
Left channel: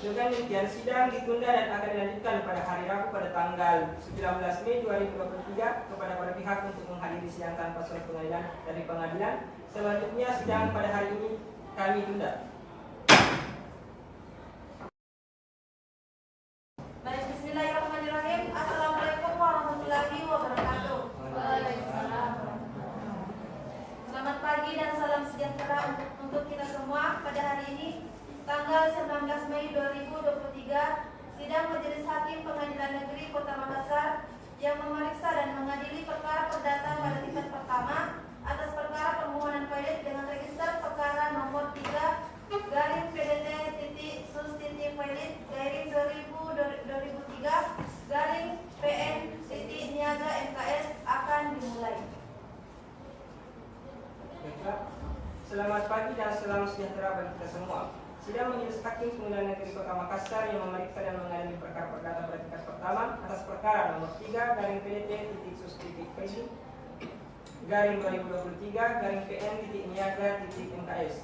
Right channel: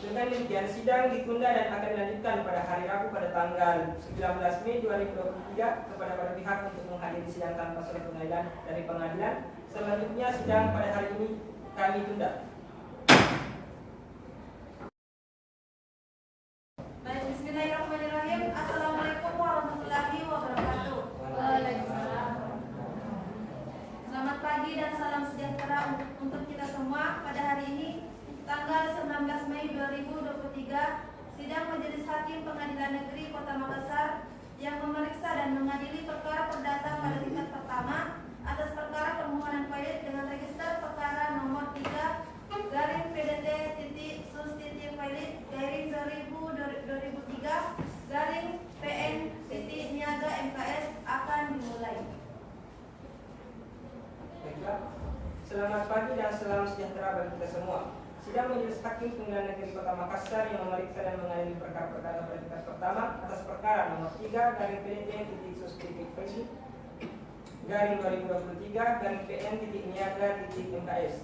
dengan demikian sidang ditunda dan akan dilanjutkan pada hari Rabu pada tanggal 19 Mei 2023 kepada para pihak untuk menghadiri sidang tanpa surat pengadilan dari pengadilan. Selanjutnya sidang pada hari ini kami tunda. Baik, bismillahirrahmanirrahim. Assalamualaikum warahmatullahi wabarakatuh. Selamat pagi dan salam sejahtera untuk kita semua. Pada hari ini tanggal 19 Mei 2023, sidang Majelis Hakim Pengadilan Negeri Kota Makassar yang memeriksa dan mengadili perkara perdata pada tingkat pertama atas perkara permohonan pilot dengan register perkara nomor 3 garing PDT sus pilot garing 2003 garing Selamat pagi dan salam sejahtera bagi kita semua. Sidang Majelis Hakim Pengadilan Negeri Kota Makassar yang memeriksa dan mengadili perkara perdata pada tingkat pertama atas perkara nomor 3/PDT-sus-PN-2023-PN-PN-MKS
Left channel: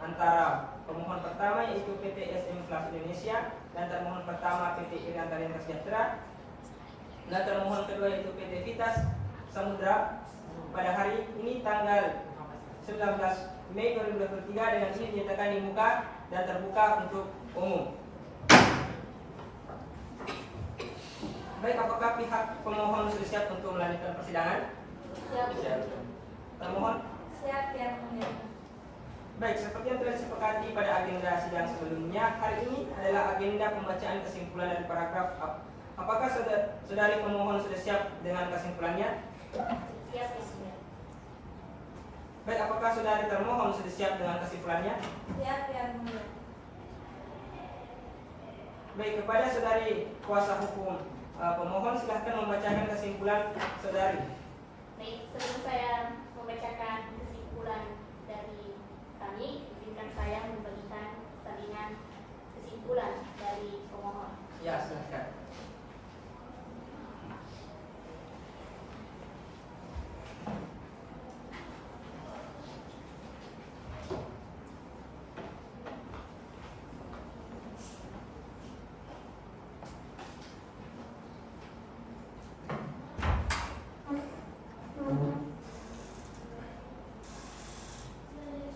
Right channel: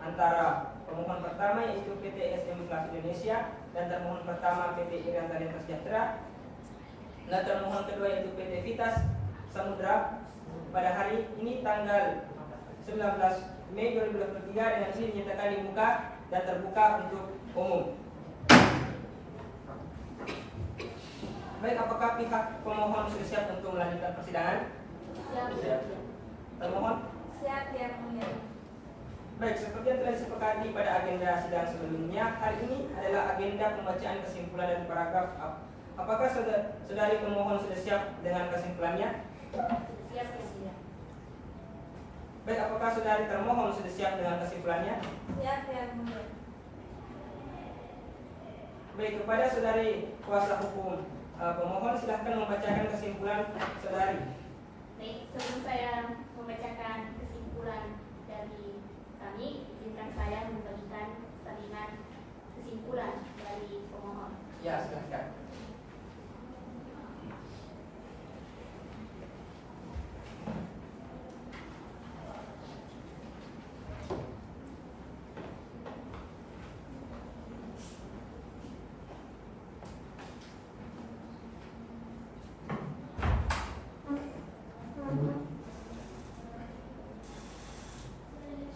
antara pemohon pertama yaitu PT SM Plus Indonesia dan termohon pertama PT Irian Talenta Sejahtera dan termohon kedua yaitu PT Vitas Samudra pada hari ini tanggal 19 Mei 2023 dengan ini dinyatakan dibuka dan terbuka untuk umum. Baik, apakah pihak pemohon sudah siap untuk melanjutkan persidangan? Siap. Termohon? Siap, ya. Baik, seperti yang telah disepakati pada agenda sidang sebelumnya, hari ini adalah agenda pembacaan kesimpulan dari paragraf. Apakah saudari pemohon sudah siap dengan kesimpulannya? Siap, ya. Baik, apakah saudari termohon sudah siap dengan kesimpulannya? Siap, ya. Baik, kepada saudari kuasa hukum pemohon silahkan membacakan kesimpulan saudari. Baik, sebelum saya membacakan kesimpulan dari kami, izinkan saya memberikan salinan kesimpulan dari pemohon. Ya, silahkan.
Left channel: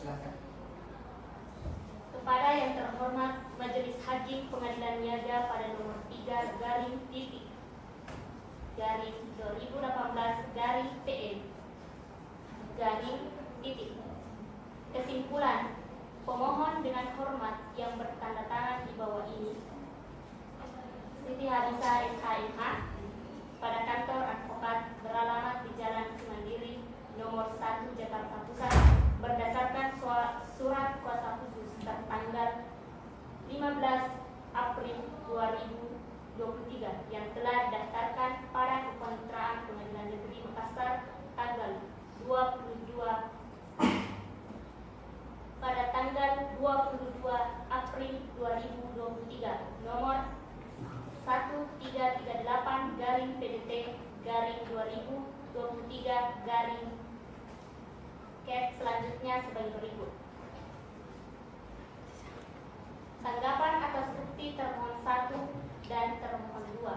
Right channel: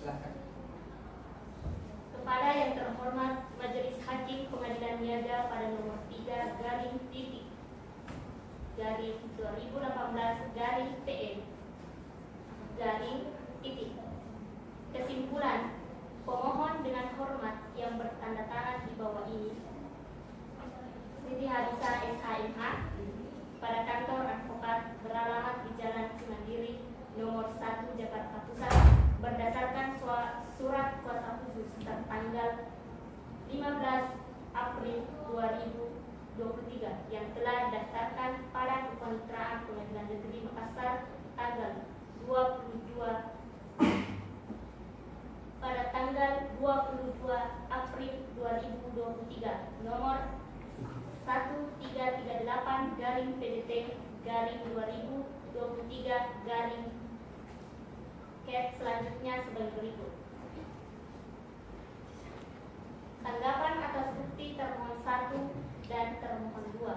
Silahkan. Kepada yang terhormat Majelis Hakim Pengadilan Niaga pada nomor 3/2018/PN. Kesimpulan, pemohon dengan hormat yang bertanda tangan di bawah ini, Siti Harisa SHMH, pada kantor advokat beralamat di Jalan Cimandiri nomor 1 Jakarta Pusat berdasarkan surat kuasa khusus tertanggal 15 April 2023 yang telah didaftarkan pada Kepaniteraan Pengadilan Negeri Makassar tanggal 22 April 2023 nomor 1338/2023 selanjutnya sebagai berikut. Tanggapan atas bukti termohon 1 dan termohon 2.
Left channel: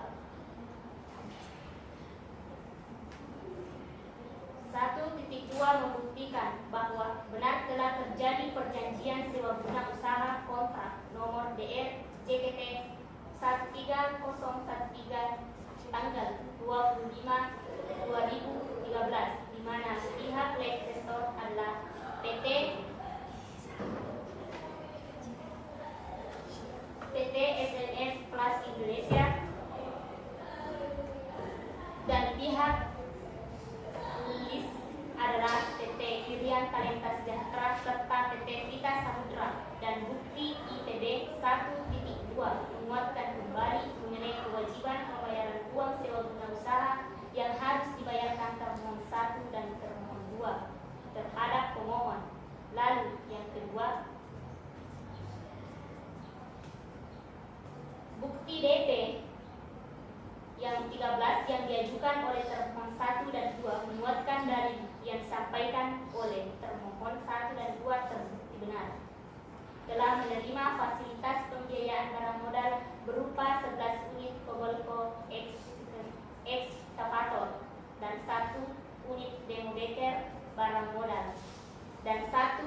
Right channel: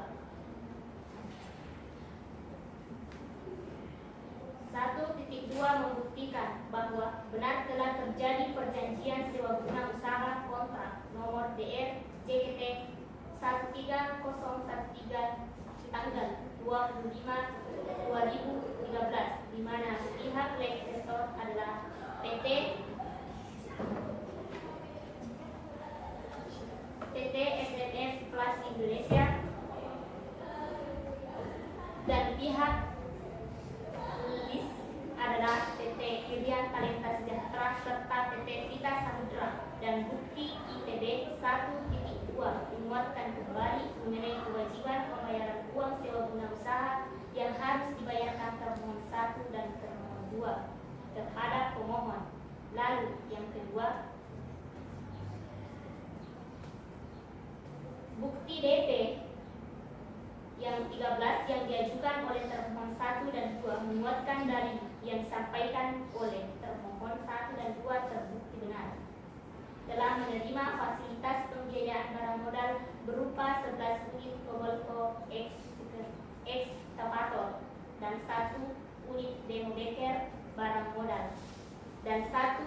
1.2 membuktikan bahwa benar telah terjadi perjanjian sewa guna usaha kontrak nomor DR JKT 13013 tanggal 25/2013 di mana pihak investor adalah PT SNF Plus Indonesia dan pihak lis adalah PT Irian Talenta Sejahtera serta PT Vitas Samudra, dan bukti IPB 1.2 menguatkan kembali mengenai kewajiban pembayaran uang sewa guna usaha yang harus dibayarkan termohon 1 dan termohon 2 terhadap pemohon. Lalu yang kedua, bukti DP yang 13 yang diajukan oleh termohon 1 dan 2 menguatkan dari yang disampaikan oleh termohon 1 dan 2 terbukti benar telah menerima fasilitas pembiayaan barang modal berupa 11 unit Kobelco ekskavator dan 1 unit demodeker barang modal, dan 1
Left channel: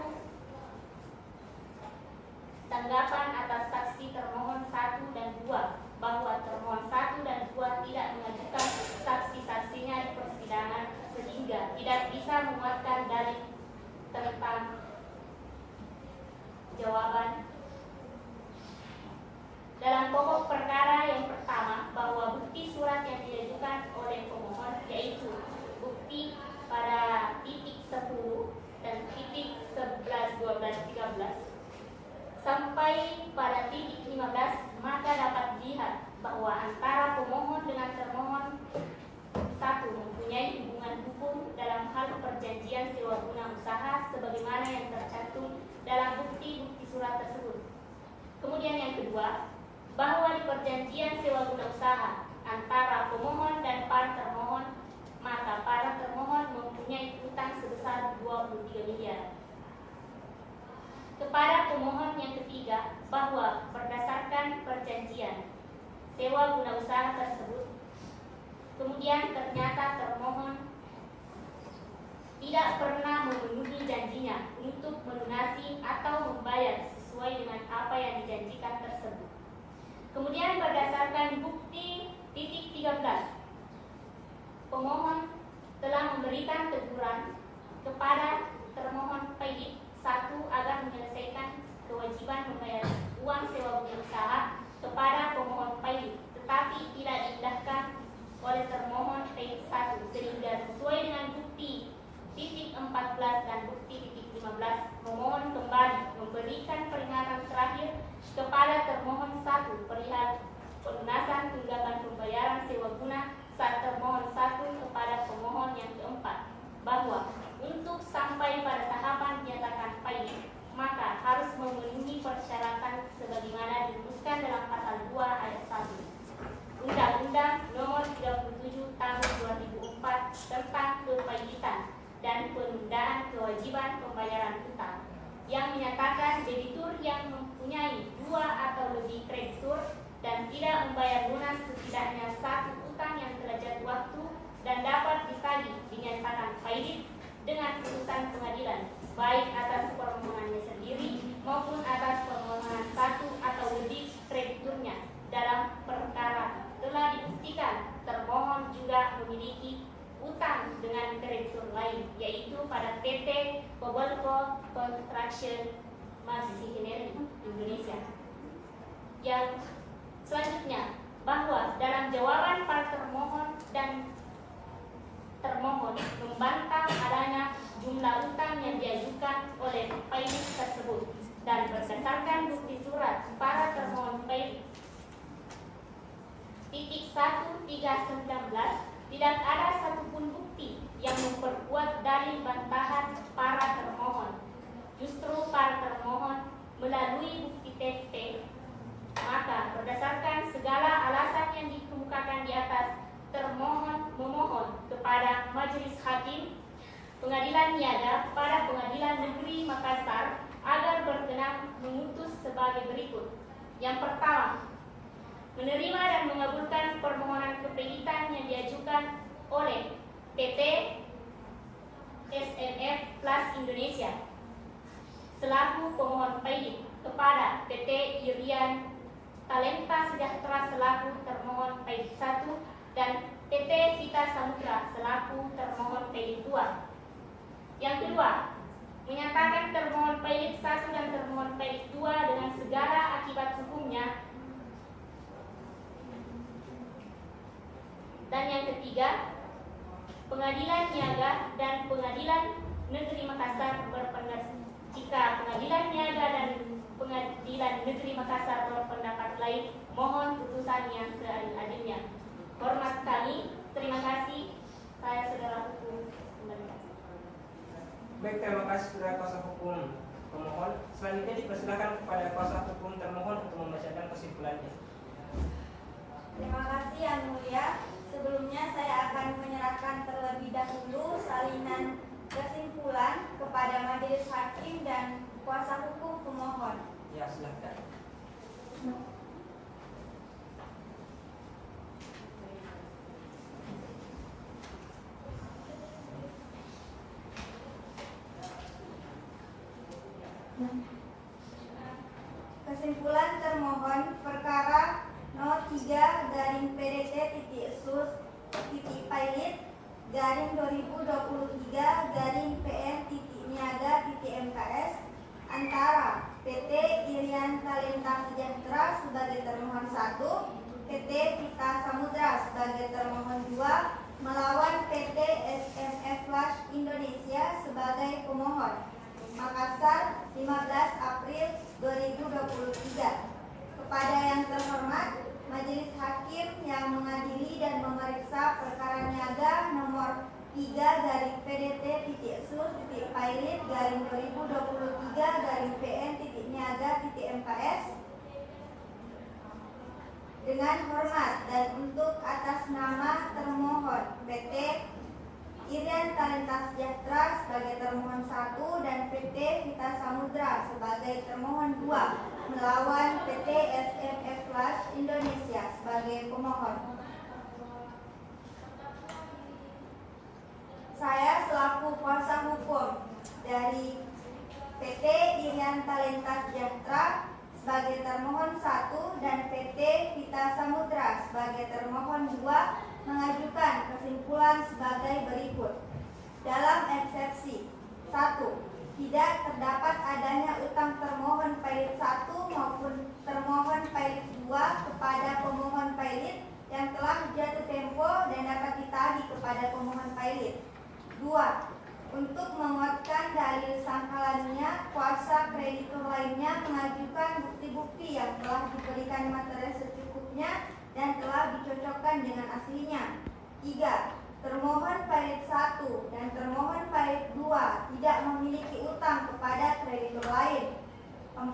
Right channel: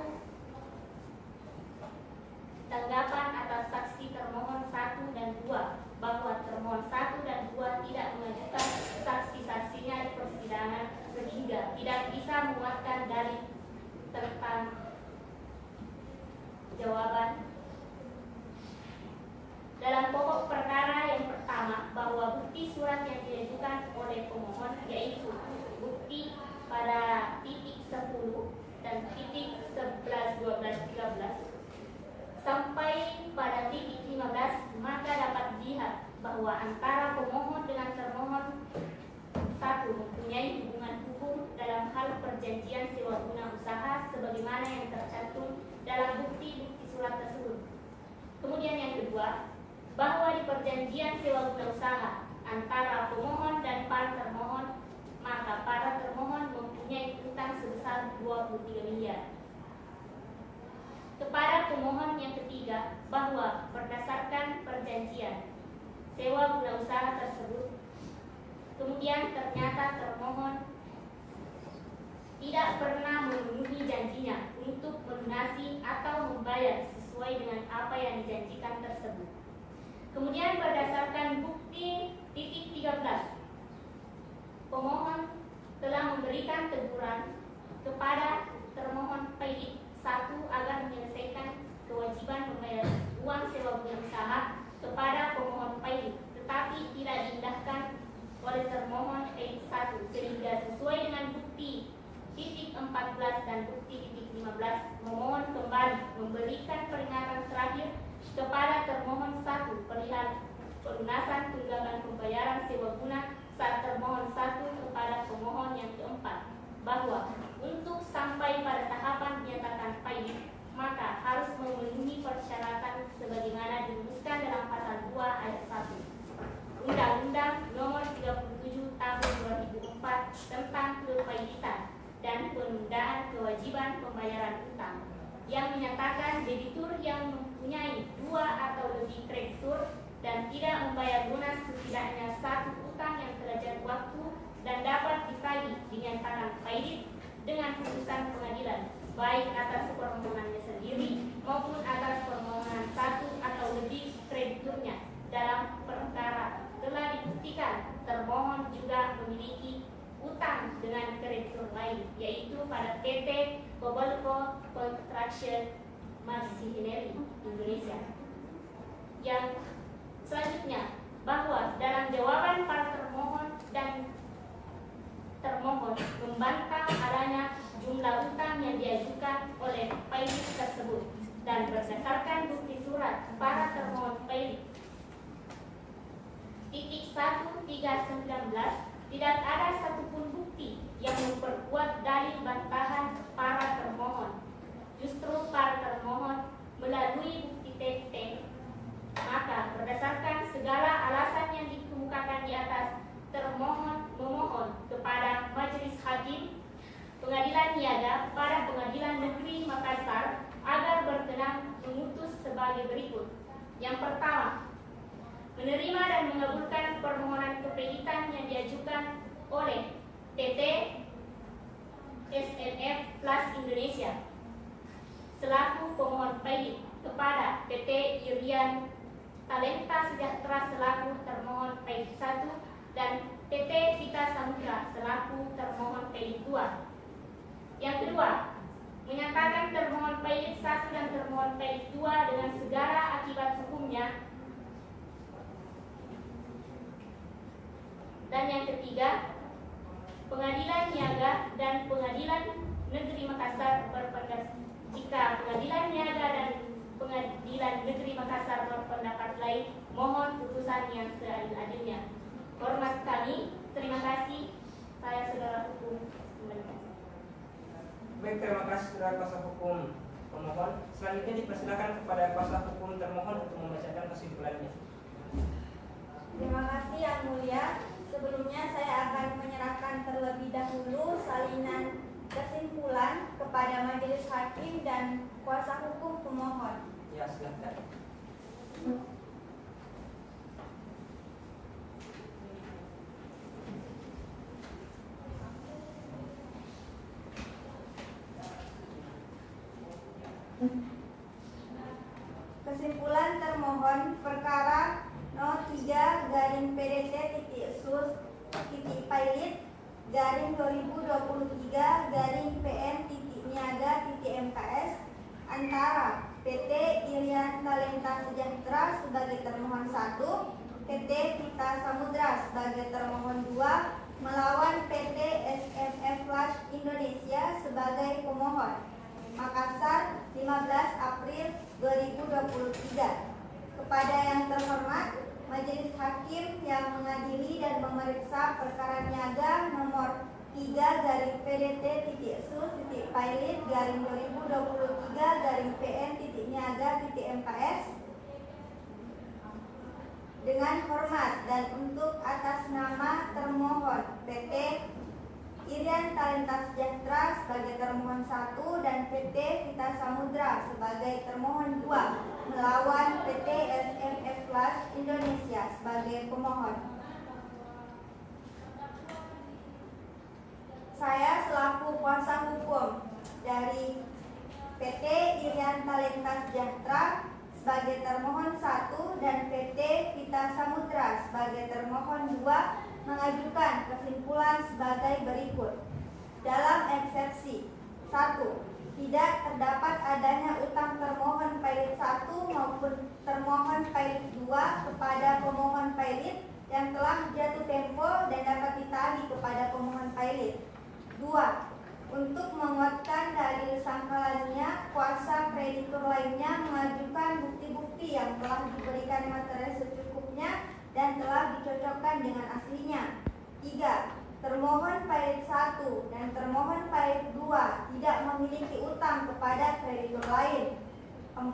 tanggapan atas saksi termohon 1 dan 2 bahwa termohon 1 dan 2 tidak mengajukan saksi-saksinya di persidangan sehingga tidak bisa menguatkan dari tentang jawaban dalam pokok perkara yang pertama bahwa bukti surat yang diajukan oleh pemohon yaitu bukti pada titik 10 dan titik 11, 12, 13 sampai pada titik 15, maka dapat dilihat bahwa antara pemohon dengan termohon 1 mempunyai hubungan hukum dalam hal perjanjian sewa guna usaha sebagaimana yang tercantum dalam bukti-bukti surat tersebut. Kemudian yang kedua, bahwa di perjanjian sewa guna usaha antara pemohon dan para termohon, maka para termohon mempunyai utang sebesar 23 miliar. Kepada pemohon yang ketiga, bahwa berdasarkan perjanjian sewa guna usaha tersebut, kemudian ternyata termohon tidak pernah memenuhi janjinya untuk melunasi atau membayar sesuai dengan apa yang dijanjikan tersebut. Kemudian berdasarkan bukti titik 13, pemohon telah memberikan teguran kepada termohon Paidit 1 agar menyelesaikan kewajiban membayar uang sewa guna usaha kepada pemohon Paidit, tetapi tidak diindahkan oleh termohon Paidit 1 sehingga sesuai dengan bukti titik 14 dan bukti titik 15, memohon kembali memberikan peringatan terakhir kepada termohon 1 perihal pelunasan tunggakan pembayaran sewa guna saat termohon 1 kepada pemohon yang keempat, bahwa untuk sampai pada tahapan dinyatakan Paidit maka harus memenuhi persyaratan sebagaimana dirumuskan dalam pasal 2 ayat 1 Undang-Undang Nomor 37 Tahun 2004 tentang Kepaiditan dan penundaan kewajiban pembayaran utang, yang menyatakan debitur yang mempunyai 2 atau lebih kreditur dan tidak membayar lunas setidaknya 1 utang yang derajat waktu dan dapat ditagih dinyatakan Paidit dengan putusan pengadilan, baik atas permohonannya sendiri maupun atas permohonan 1 atau lebih krediturnya. Dalam perkara telah dibuktikan termohon juga memiliki utang dengan kreditur lain, yaitu pada PT Cobalco Construction Machinery Indonesia. Yang selanjutnya, bahwa dalam jawaban para termohon dan termohon membantah adanya jumlah utang yang diajukan oleh Paidit tersebut, dan berdasarkan bukti surat para termohon Paidit titik 1319 tidak ada satupun bukti yang memperkuat dalil bantahan para termohon. Justru para termohon melalui bukti TT, maka berdasarkan segala alasan yang dikemukakan di atas, termohon memohon kepada Majelis Hakim Pengadilan Niaga pada Pengadilan Negeri Makassar agar berkenan memutus sebagai berikut. Yang pertama, menerima dan mengabulkan permohonan kepaiditan yang diajukan oleh PT SNF Plus Indonesia selaku pemohon Paidit kepada PT Irian Talenta Sejahtera selaku termohon Paidit 1 dan PT Vita Samudra selaku termohon Paidit 2. Yang kedua, menyatakan termohon Paidit 1 dan termohon Paidit 2 dengan segala akibat hukumnya. Dan yang ketiga, Pengadilan Niaga dan Pengadilan Negeri Makassar berpendapat jika Pengadilan Niaga dan Pengadilan Negeri Makassar berpendapat lain, mohon putusan yang seadil-adilnya. Hormat kami, terima kasih. Saya saudara hukum kembali. Baik, terima kasih saudara kuasa hukum pemohon. Selanjutnya dipersilakan kepada kuasa hukum termohon untuk membacakan kesimpulannya. Terima kasih Yang Mulia. Sebelumnya saya akan menyerahkan terlebih dahulu salinan kesimpulan kepada Majelis Hakim dan kuasa hukum pemohon. Ya, silakan. Kesimpulan termohon perkara No 3-PDT-SUS-PN-2023-PN-Niaga-MKS antara PT Irian Talenta Sejahtera sebagai termohon 1, PT Vita Samudra sebagai termohon 2 melawan PT SNF Plus Indonesia sebagai pemohon. Makassar, 15 April 2023. Kepada yang terhormat Majelis Hakim yang mengadili dan memeriksa perkara niaga nomor 3-PDT-PILIT-2023-PN-Niaga-MKS dengan hormat dan untuk atas nama termohon PT Irian Talenta Sejahtera sebagai termohon 1 dan PT Vita Samudra sebagai termohon 2 melawan PT SMF Flash Indonesia sebagai pemohon. Saya selaku kuasa hukum dari PT Irian Talenta Sejahtera sebagai termohon 1 dan PT Vita Samudra sebagai termohon 2 mengajukan kesimpulan sebagai berikut. Dalam eksepsi 1, tidak terdapat adanya utang termohon pailit 1 maupun termohon pailit 2 kepada pemohon pailit yang telah jatuh tempo dan dapat ditagih kepada pemohon pailit. 2. Untuk menguatkan dalil sangkalannya, kuasa kreditur lainnya mengajukan bukti-bukti yang telah diberikan materi secukupnya dan telah dicocokkan dengan aslinya. 3. Termohon pailit 1 dan termohon pailit 2 tidak memiliki utang kepada kreditur lain. 4.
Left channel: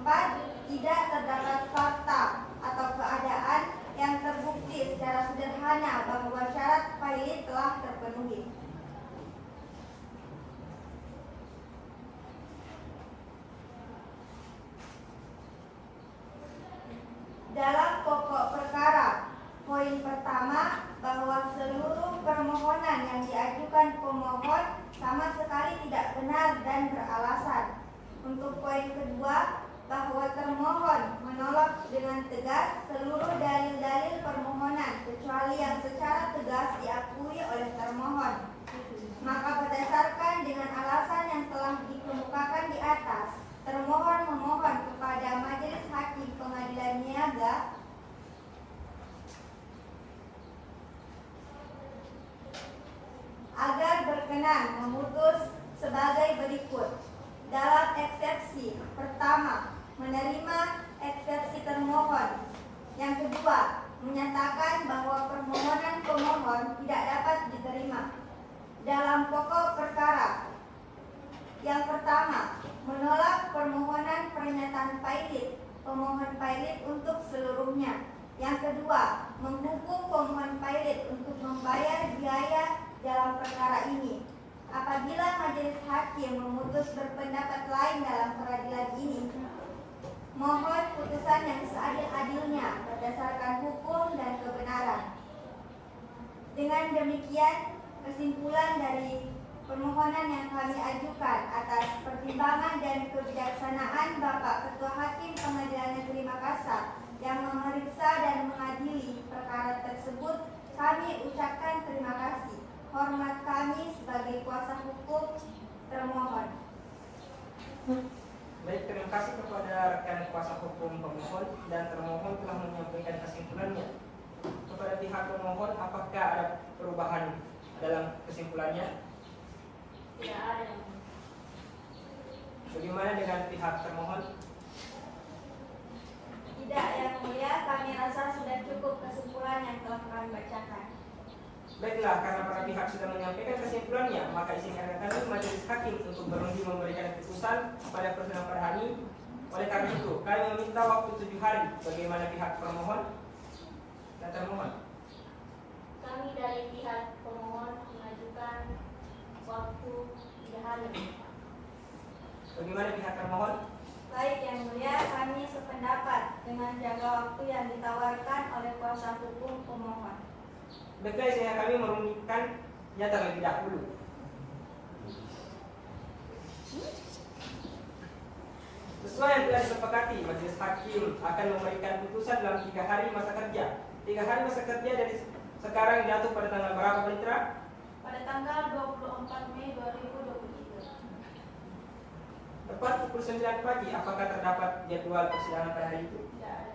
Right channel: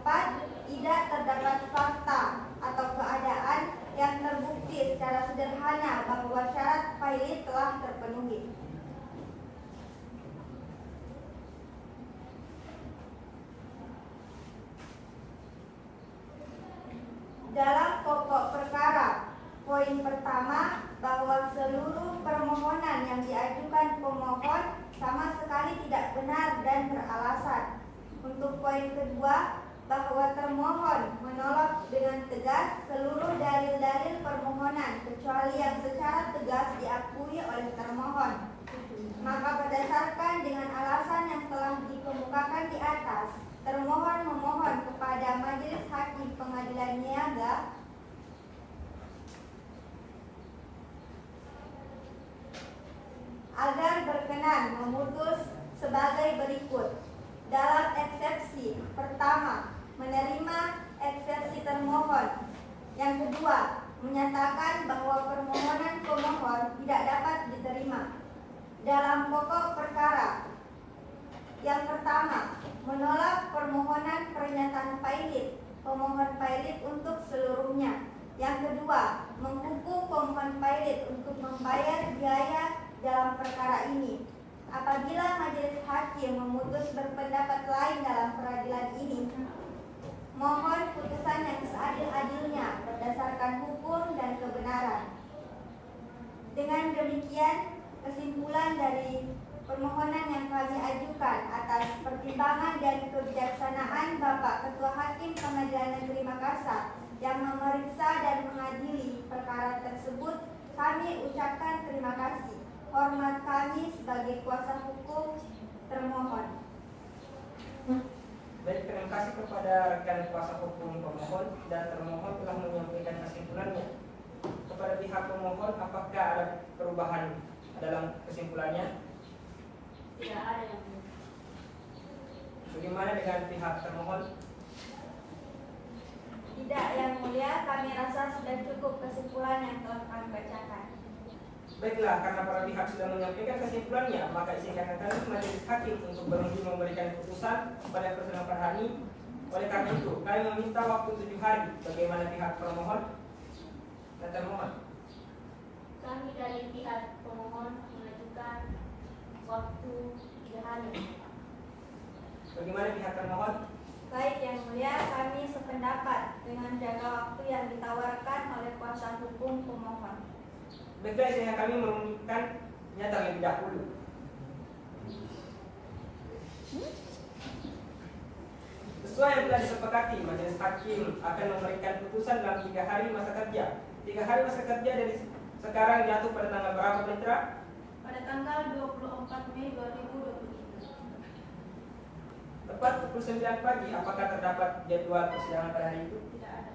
Tidak terdapat fakta atau keadaan yang terbukti secara sederhana bahwa syarat pailit telah terpenuhi. Dalam pokok perkara, poin pertama bahwa seluruh permohonan yang diajukan pemohon sama sekali tidak benar dan beralasan. Untuk poin kedua, bahwa termohon menolak dengan tegas seluruh dalil-dalil permohonan kecuali yang secara tegas diakui oleh termohon. Maka berdasarkan dengan alasan yang telah dikemukakan di atas, termohon memohon kepada Majelis Hakim Pengadilan Niaga agar berkenan memutus sebagai berikut. Dalam eksepsi pertama, menerima eksepsi termohon. Yang kedua, menyatakan bahwa permohonan pemohon tidak dapat diterima. Dalam pokok perkara, yang pertama, menolak permohonan pernyataan pailit pemohon pailit untuk seluruhnya. Yang kedua, menghukum pemohon pailit untuk membayar biaya dalam perkara ini. Apabila majelis hakim memutus berpendapat lain dalam peradilan ini, mohon putusan yang seadil-adilnya berdasarkan hukum dan kebenaran. Dengan demikian, kesimpulan dari permohonan yang kami ajukan atas pertimbangan dan kebijaksanaan Bapak Ketua Hakim Pengadilan Negeri Makassar yang memeriksa dan mengadili perkara tersebut, kami ucapkan terima kasih. Hormat kami sebagai kuasa hukum termohon. Baik, terima kasih kepada rekan kuasa hukum pemohon dan termohon telah menyampaikan kesimpulannya. Kepada pihak pemohon, apakah ada perubahan dalam kesimpulannya? Tidak ada yang mulia. Bagaimana dengan pihak termohon? Tidak, yang mulia, kami rasa sudah cukup kesimpulan yang telah kami bacakan. Baiklah, karena para pihak sudah menyampaikan kesimpulannya, maka izinkan kami majelis hakim untuk berunding memberikan putusan pada persidangan pada hari ini. Oleh karena itu, kami meminta waktu 7 hari. Bagaimana pihak pemohon dan termohon? Kami dari pihak pemohon mengajukan waktu 3 hari. Bagaimana pihak termohon? Baik, yang mulia, kami sependapat dengan jangka waktu yang ditawarkan oleh kuasa hukum pemohon. Baiklah, izinkan kami merundingkan terlebih dahulu. Sesuai yang telah disepakati, majelis hakim akan memberikan putusan dalam 3 hari masa kerja. 3 hari masa kerja dari sekarang jatuh pada tanggal berapa, Pak Mitra? Pada tanggal 24 Mei 2023. Tepat pukul 9 pagi. Apakah terdapat jadwal persidangan pada hari itu? Tidak ada.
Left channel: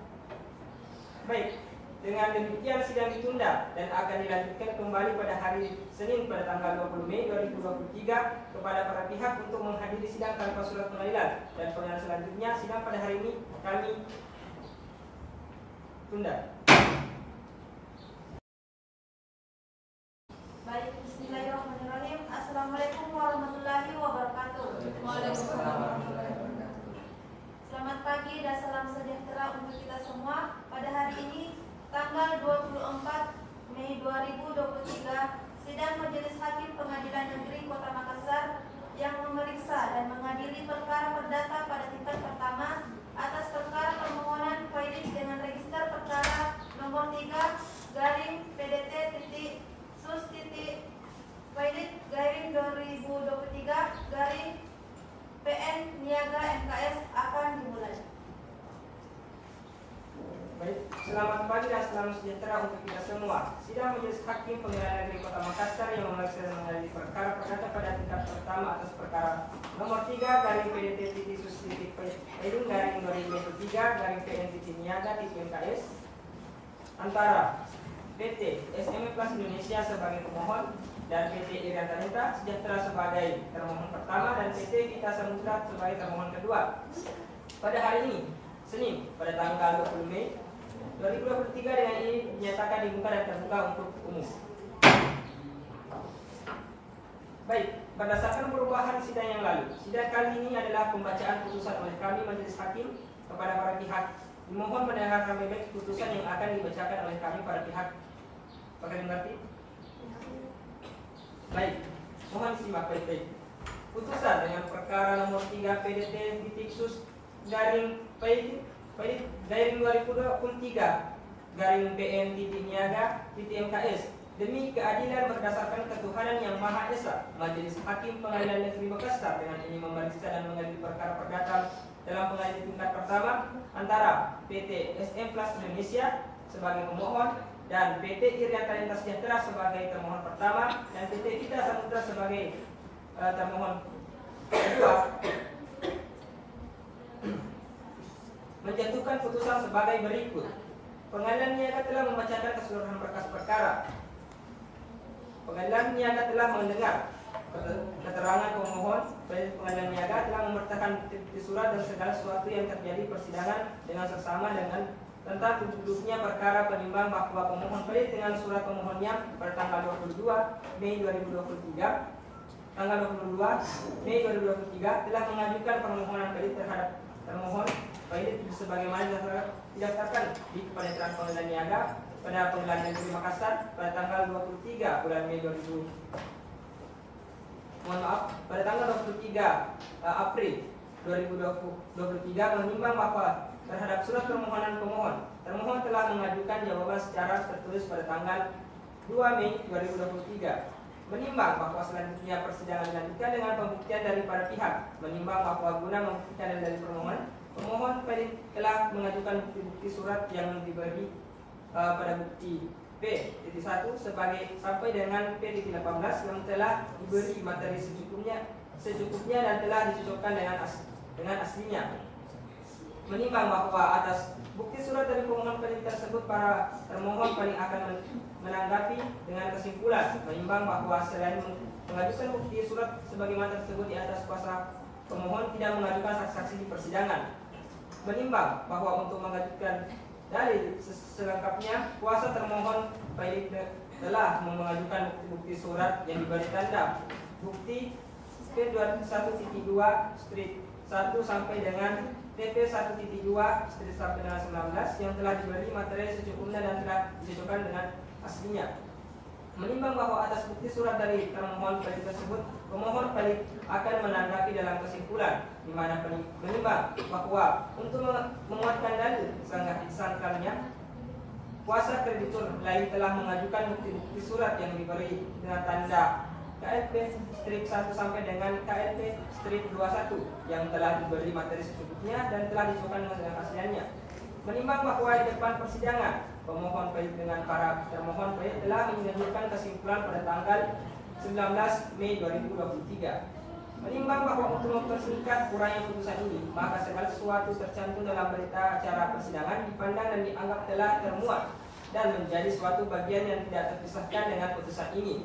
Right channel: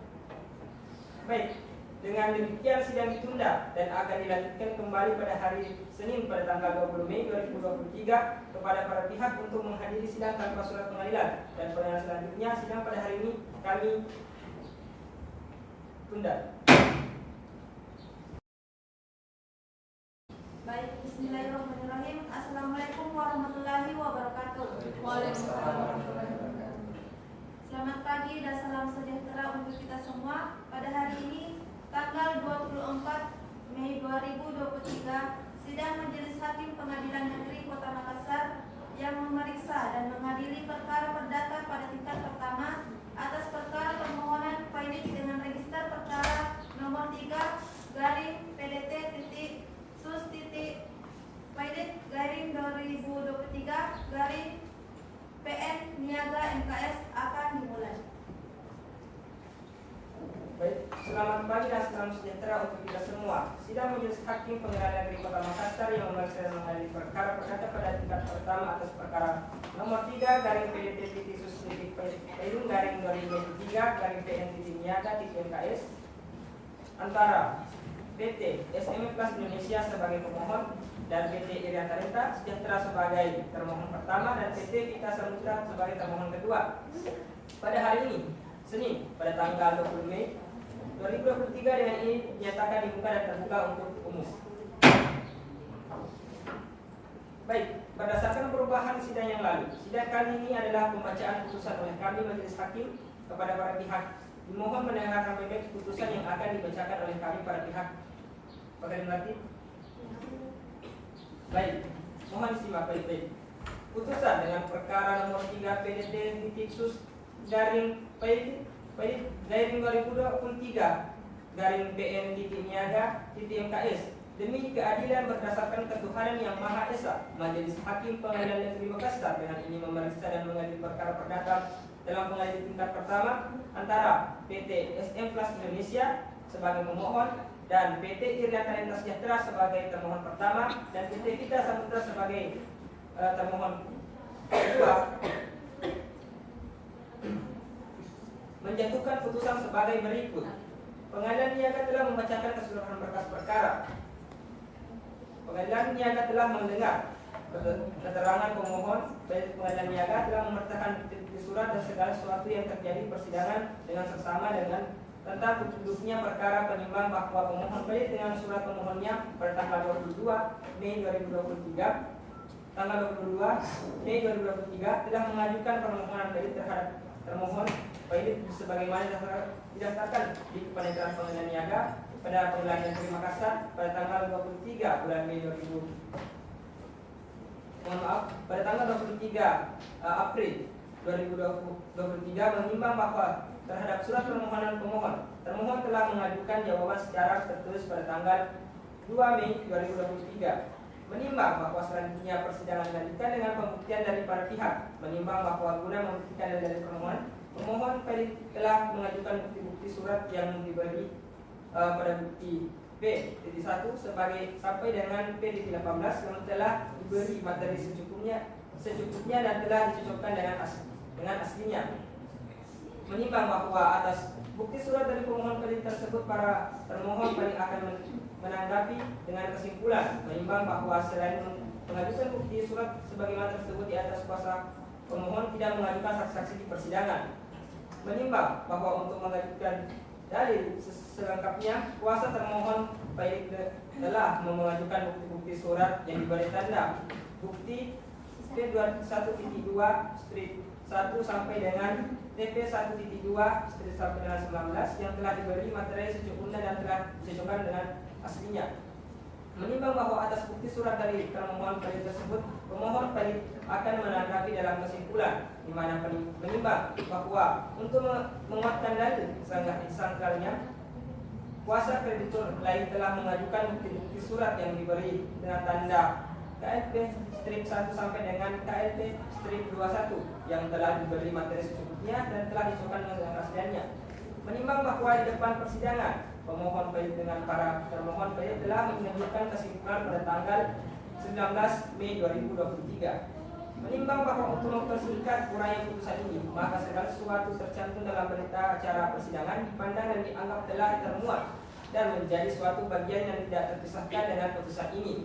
Baik, dengan demikian sidang ditunda dan akan dilanjutkan kembali pada hari Senin pada tanggal 20 Mei 2023 kepada para pihak untuk menghadiri sidang tanpa surat pengadilan, dan pengadilan selanjutnya sidang pada hari ini kami tunda. Baik, bismillahirrahmanirrahim. 24 Mei 2023, sidang Majelis Hakim Pengadilan Negeri Kota Makassar yang memeriksa dan mengadili perkara perdata pada tingkat pertama atas perkara permohonan Felix dengan register perkara nomor 3 garing PDT titik sus titik Felix garing 2023 garing PN Niaga MKS akan dimulai. Baik, selamat pagi dan salam sejahtera untuk kita semua. Sidang Majelis Hakim Pengadilan Negeri Kota Makassar yang memeriksa dan mengadili perkara perdata pada tingkat pertama atas perkara nomor 3 garing PDT titik sus titik Paidung garing 2023 garing PN titik Niaga titik MKS antara PT SME Plus Indonesia sebagai pemohon dan PT Irian Talenta Sejahtera sebagai termohon pertama dan PT Vita Samudra sebagai termohon kedua. Pada hari ini, Senin, pada tanggal 20 Mei 2023 dengan ini dinyatakan dibuka dan terbuka untuk umum. Baik, berdasarkan perubahan sidang yang lalu, sidang kali ini adalah pembacaan putusan oleh kami Majelis Hakim kepada para pihak. Dimohon mendengarkan baik putusan yang akan dibacakan oleh kami para pihak. Apakah dimengerti? Baik, mohon disimak baik-baik. Putusan dengan perkara nomor 3 PDT titik sus garing garing 2023 garing PN titik Niaga titik MKS demi keadilan berdasarkan ketuhanan yang Maha Esa, Majelis Hakim Pengadilan Negeri Makassar dengan ini memeriksa dan mengadili perkara perdata dalam pengadilan tingkat pertama antara PT SM Plus Indonesia sebagai pemohon dan PT Irian Talenta Sejahtera sebagai termohon pertama dan PT Vita Samudra sebagai termohon kedua, menjatuhkan putusan sebagai berikut. Pengadilan Niaga telah membacakan keseluruhan berkas perkara. Pengadilan Niaga telah mendengar keterangan pemohon. Pengadilan Niaga telah memerintahkan bukti surat dan segala sesuatu yang terjadi persidangan dengan seksama dengan tentang duduknya perkara penimbang bahwa pemohon baik dengan surat pemohonnya pada tanggal 22 Mei 2023 tanggal 22 Mei 2023 telah mengajukan permohonan kredit terhadap termohon baik sebagaimana didaftarkan di Kepanitiaan Pengadilan Niaga pada Pengadilan Negeri Makassar pada tanggal 23 bulan Mei 23 April 2023 menimbang bahwa terhadap surat permohonan termohon telah mengajukan jawaban secara tertulis pada tanggal 2 Mei 2023. Menimbang bahwa selanjutnya persidangan dilanjutkan dengan pembuktian dari para pihak. Menimbang bahwa guna membuktikan dari pemohon telah mengajukan bukti-bukti surat yang diberi pada bukti P.1 sebagai sampai dengan P.18 yang telah diberi materi secukupnya dan telah dicocokkan dengan aslinya. Menimbang bahwa atas bukti surat dari pemohon kredit tersebut para termohon paling akan menanggapi dengan kesimpulan. Menimbang bahwa selain mengajukan bukti surat sebagaimana tersebut di atas, kuasa pemohon tidak mengajukan saksi-saksi di persidangan. Menimbang bahwa untuk mengajukan dalil selengkapnya, kuasa termohon baik telah mengajukan bukti surat yang diberi tanda bukti P21.2 strip 1 sampai dengan TP1.2 strip sampai dengan 19 yang telah diberi materi secukupnya dan telah dicocokkan dengan aslinya. Menimbang bahwa atas bukti surat dari termohon kredit tersebut, pemohon kredit akan menanggapi dalam kesimpulan, di mana menimbang bahwa untuk menguatkan dalil sangkalnya, kuasa kreditur lain telah mengajukan bukti-bukti surat yang diberi dengan tanda KLP strip 1 sampai dengan KLP strip 21 yang telah diberi materi secukupnya dan telah dicocokkan dengan aslinya. Menimbang bahwa di depan persidangan, pemohon baik dengan para termohon baik telah menunjukkan kesimpulan pada tanggal 19 Mei 2023. Menimbang bahwa untuk mempersingkat uraian putusan ini, maka segala sesuatu tercantum dalam berita acara persidangan dipandang dan dianggap telah termuat dan menjadi suatu bagian yang tidak terpisahkan dengan putusan ini.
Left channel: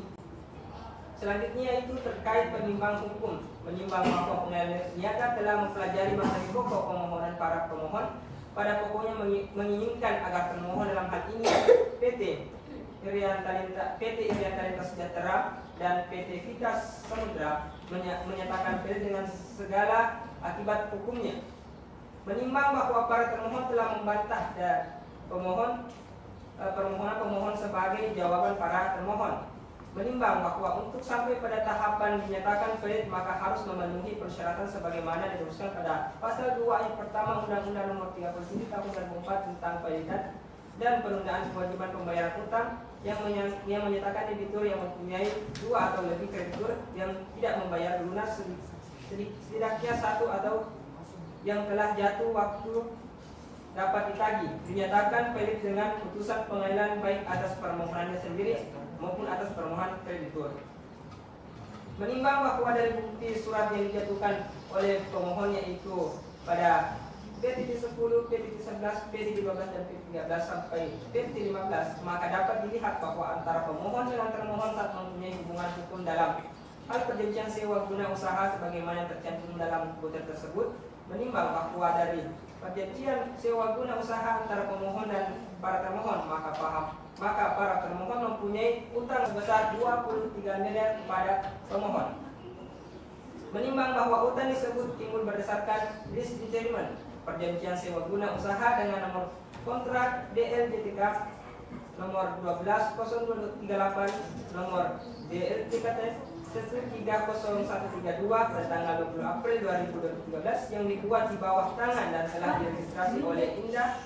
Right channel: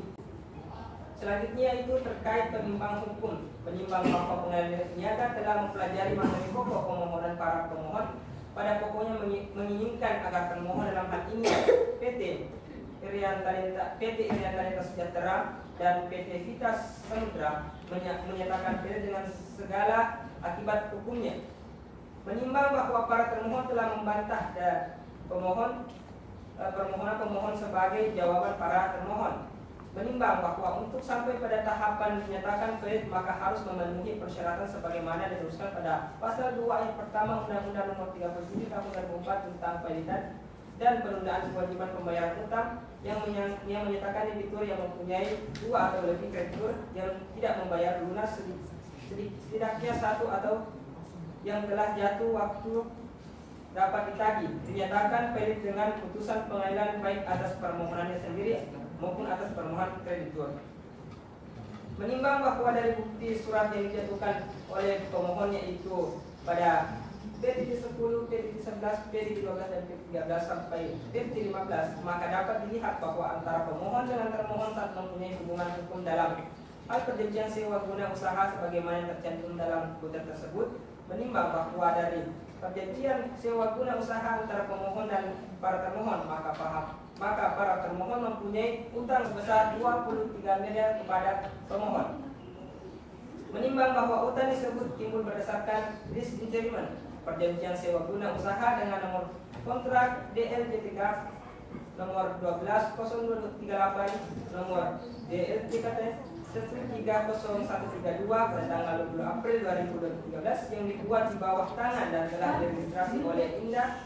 Selanjutnya itu terkait penimbang hukum. Menimbang bahwa Pengadilan Niaga telah mempelajari materi pokok pemohonan para pemohon, pada pokoknya menginginkan agar termohon dalam hal ini PT Irian Talenta Sejahtera dan PT Vita Samudra menyatakan berdasarkan dengan segala akibat hukumnya. Menimbang bahwa para termohon telah membantah dan pemohon permohonan pemohon sebagai jawaban para termohon. Menimbang bahwa untuk sampai pada tahapan dinyatakan valid maka harus memenuhi persyaratan sebagaimana dirumuskan pada pasal 2 ayat pertama Undang-Undang Nomor 37 Tahun 2004 tentang validitas dan penundaan kewajiban pembayaran utang yang menyatakan debitur yang mempunyai 2 atau lebih kreditur yang tidak membayar lunas setidaknya 1 atau yang telah jatuh waktu dapat ditagih dinyatakan valid dengan putusan pengadilan baik atas permohonannya sendiri maupun atas permohonan kreditur. Menimbang bahwa dari bukti surat yang dijatuhkan oleh pemohon yaitu pada P.10, P.11, P.12 dan P.13 sampai P.15 maka dapat dilihat bahwa antara pemohon dengan termohon saat mempunyai hubungan hukum dalam hal perjanjian sewa guna usaha sebagaimana tercantum dalam butir tersebut. Menimbang bahwa dari perjanjian sewa guna usaha antara pemohon dan para termohon maka para termohon mempunyai utang sebesar 23 miliar kepada pemohon. Menimbang bahwa utang tersebut timbul berdasarkan lease agreement perjanjian sewa guna usaha dengan nomor kontrak DLJTK nomor 12/0238 nomor DLJKT 130132 pada tanggal 20 April 2013 yang dibuat di bawah tangan dan telah diregistrasi oleh Indah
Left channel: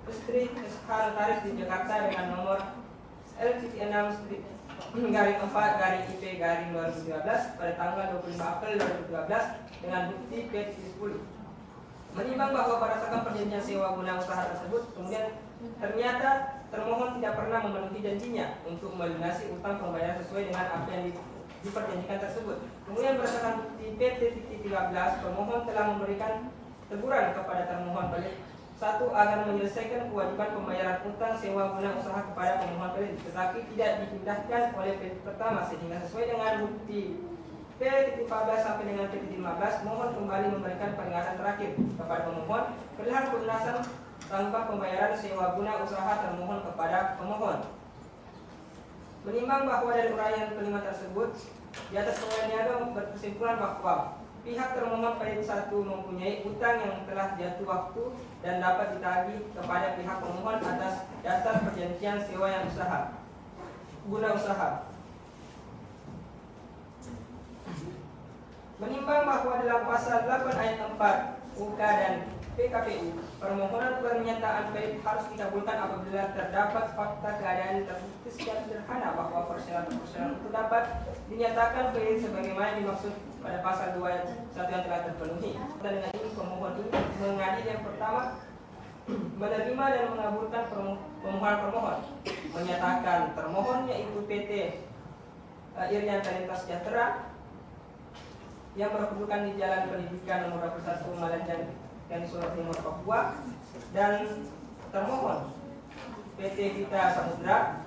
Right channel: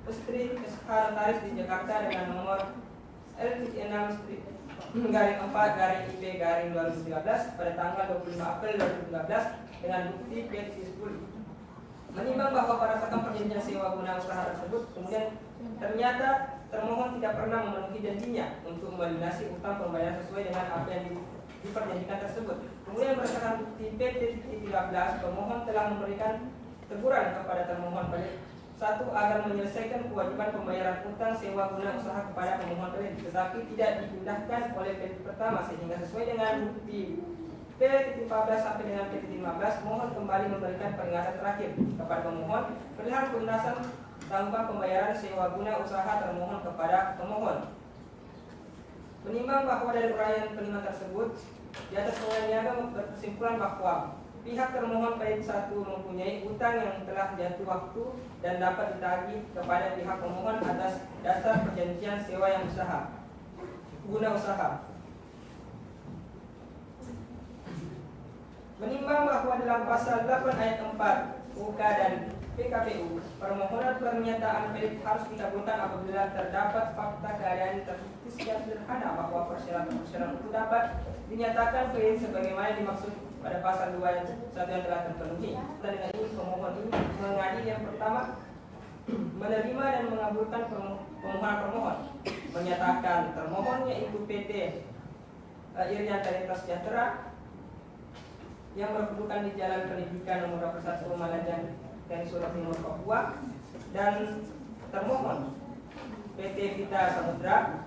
Putri Notaris di Jakarta dengan nomor L6-4-IP-2013 pada tanggal 25 April 2013 dengan bukti P.10. Menimbang bahwa berdasarkan perjanjian sewa guna usaha tersebut kemudian ternyata termohon tidak pernah memenuhi janjinya untuk melunasi utang pembayaran sesuai dengan apa yang diperjanjikan tersebut. Kemudian berdasarkan bukti P.13 pemohon telah memberikan teguran kepada termohon pelit 1 agar menyelesaikan kewajiban pembayaran utang sewa guna usaha kepada pemohon pelit tetapi tidak dipindahkan oleh pelit pertama sehingga sesuai dengan bukti P.14 sampai dengan P.15 mohon kembali memberikan peringatan terakhir kepada pemohon perihal pelunasan tanggungan pembayaran sewa guna usaha termohon kepada pemohon. Menimbang bahwa dari uraian kelima tersebut di atas niaga berkesimpulan bahwa pihak termohon pelit 1 mempunyai utang yang telah jatuh waktu dan dapat ditagih kepada pihak pemohon atas dasar perjanjian sewa yang guna usaha. Menimbang bahwa dalam pasal 8 ayat 4 UK dan PKPU, permohonan pernyataan pelit harus dikabulkan apabila terdapat fakta keadaan terbukti secara sederhana bahwa persyaratan itu dapat dinyatakan valid sebagaimana dimaksud pada pasal 2 ayat 1 yang telah terpenuhi. Dan dengan ini pemohon ini mengadili yang pertama menerima dan mengabulkan permohonan pemohon, menyatakan termohon yaitu PT Irian Talenta Sejahtera yang berkedudukan di Jalan Pendidikan nomor 21 Malajan dan Surat Timur Papua dan termohon PT Vita Samudra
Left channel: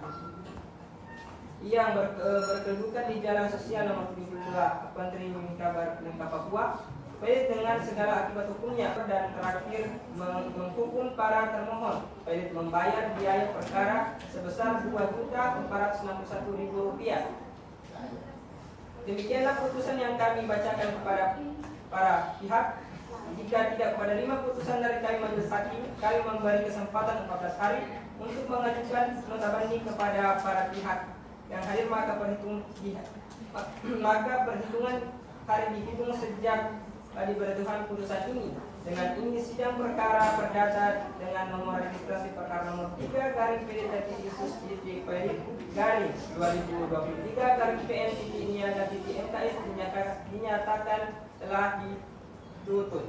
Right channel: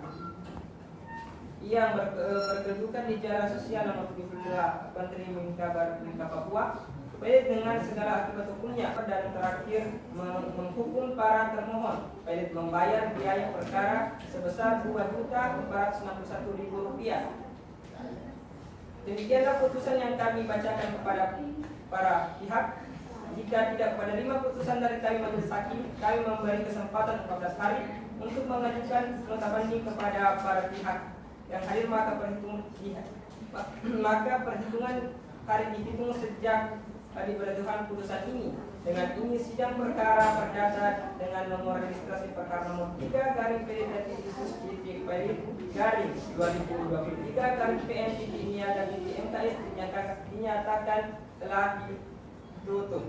yang berkedudukan di Jalan Sosial nomor 72 Pantri Mingka Papua pelit dengan segala akibat hukumnya dan terakhir menghukum para termohon pelit membayar biaya perkara sebesar Rp2.461.000. Demikianlah putusan yang kami bacakan kepada para pihak. Jika tidak menerima putusan dari kami majelis hakim, kami memberi kesempatan 14 hari untuk mengajukan nota banding kepada para pihak yang hadir maka perhitungan hari dihitung sejak diberlakukan putusan ini. Dengan ini sidang perkara perdata dengan nomor registrasi perkara nomor 3/PN-2023/PN-MKS dinyatakan telah ditutup.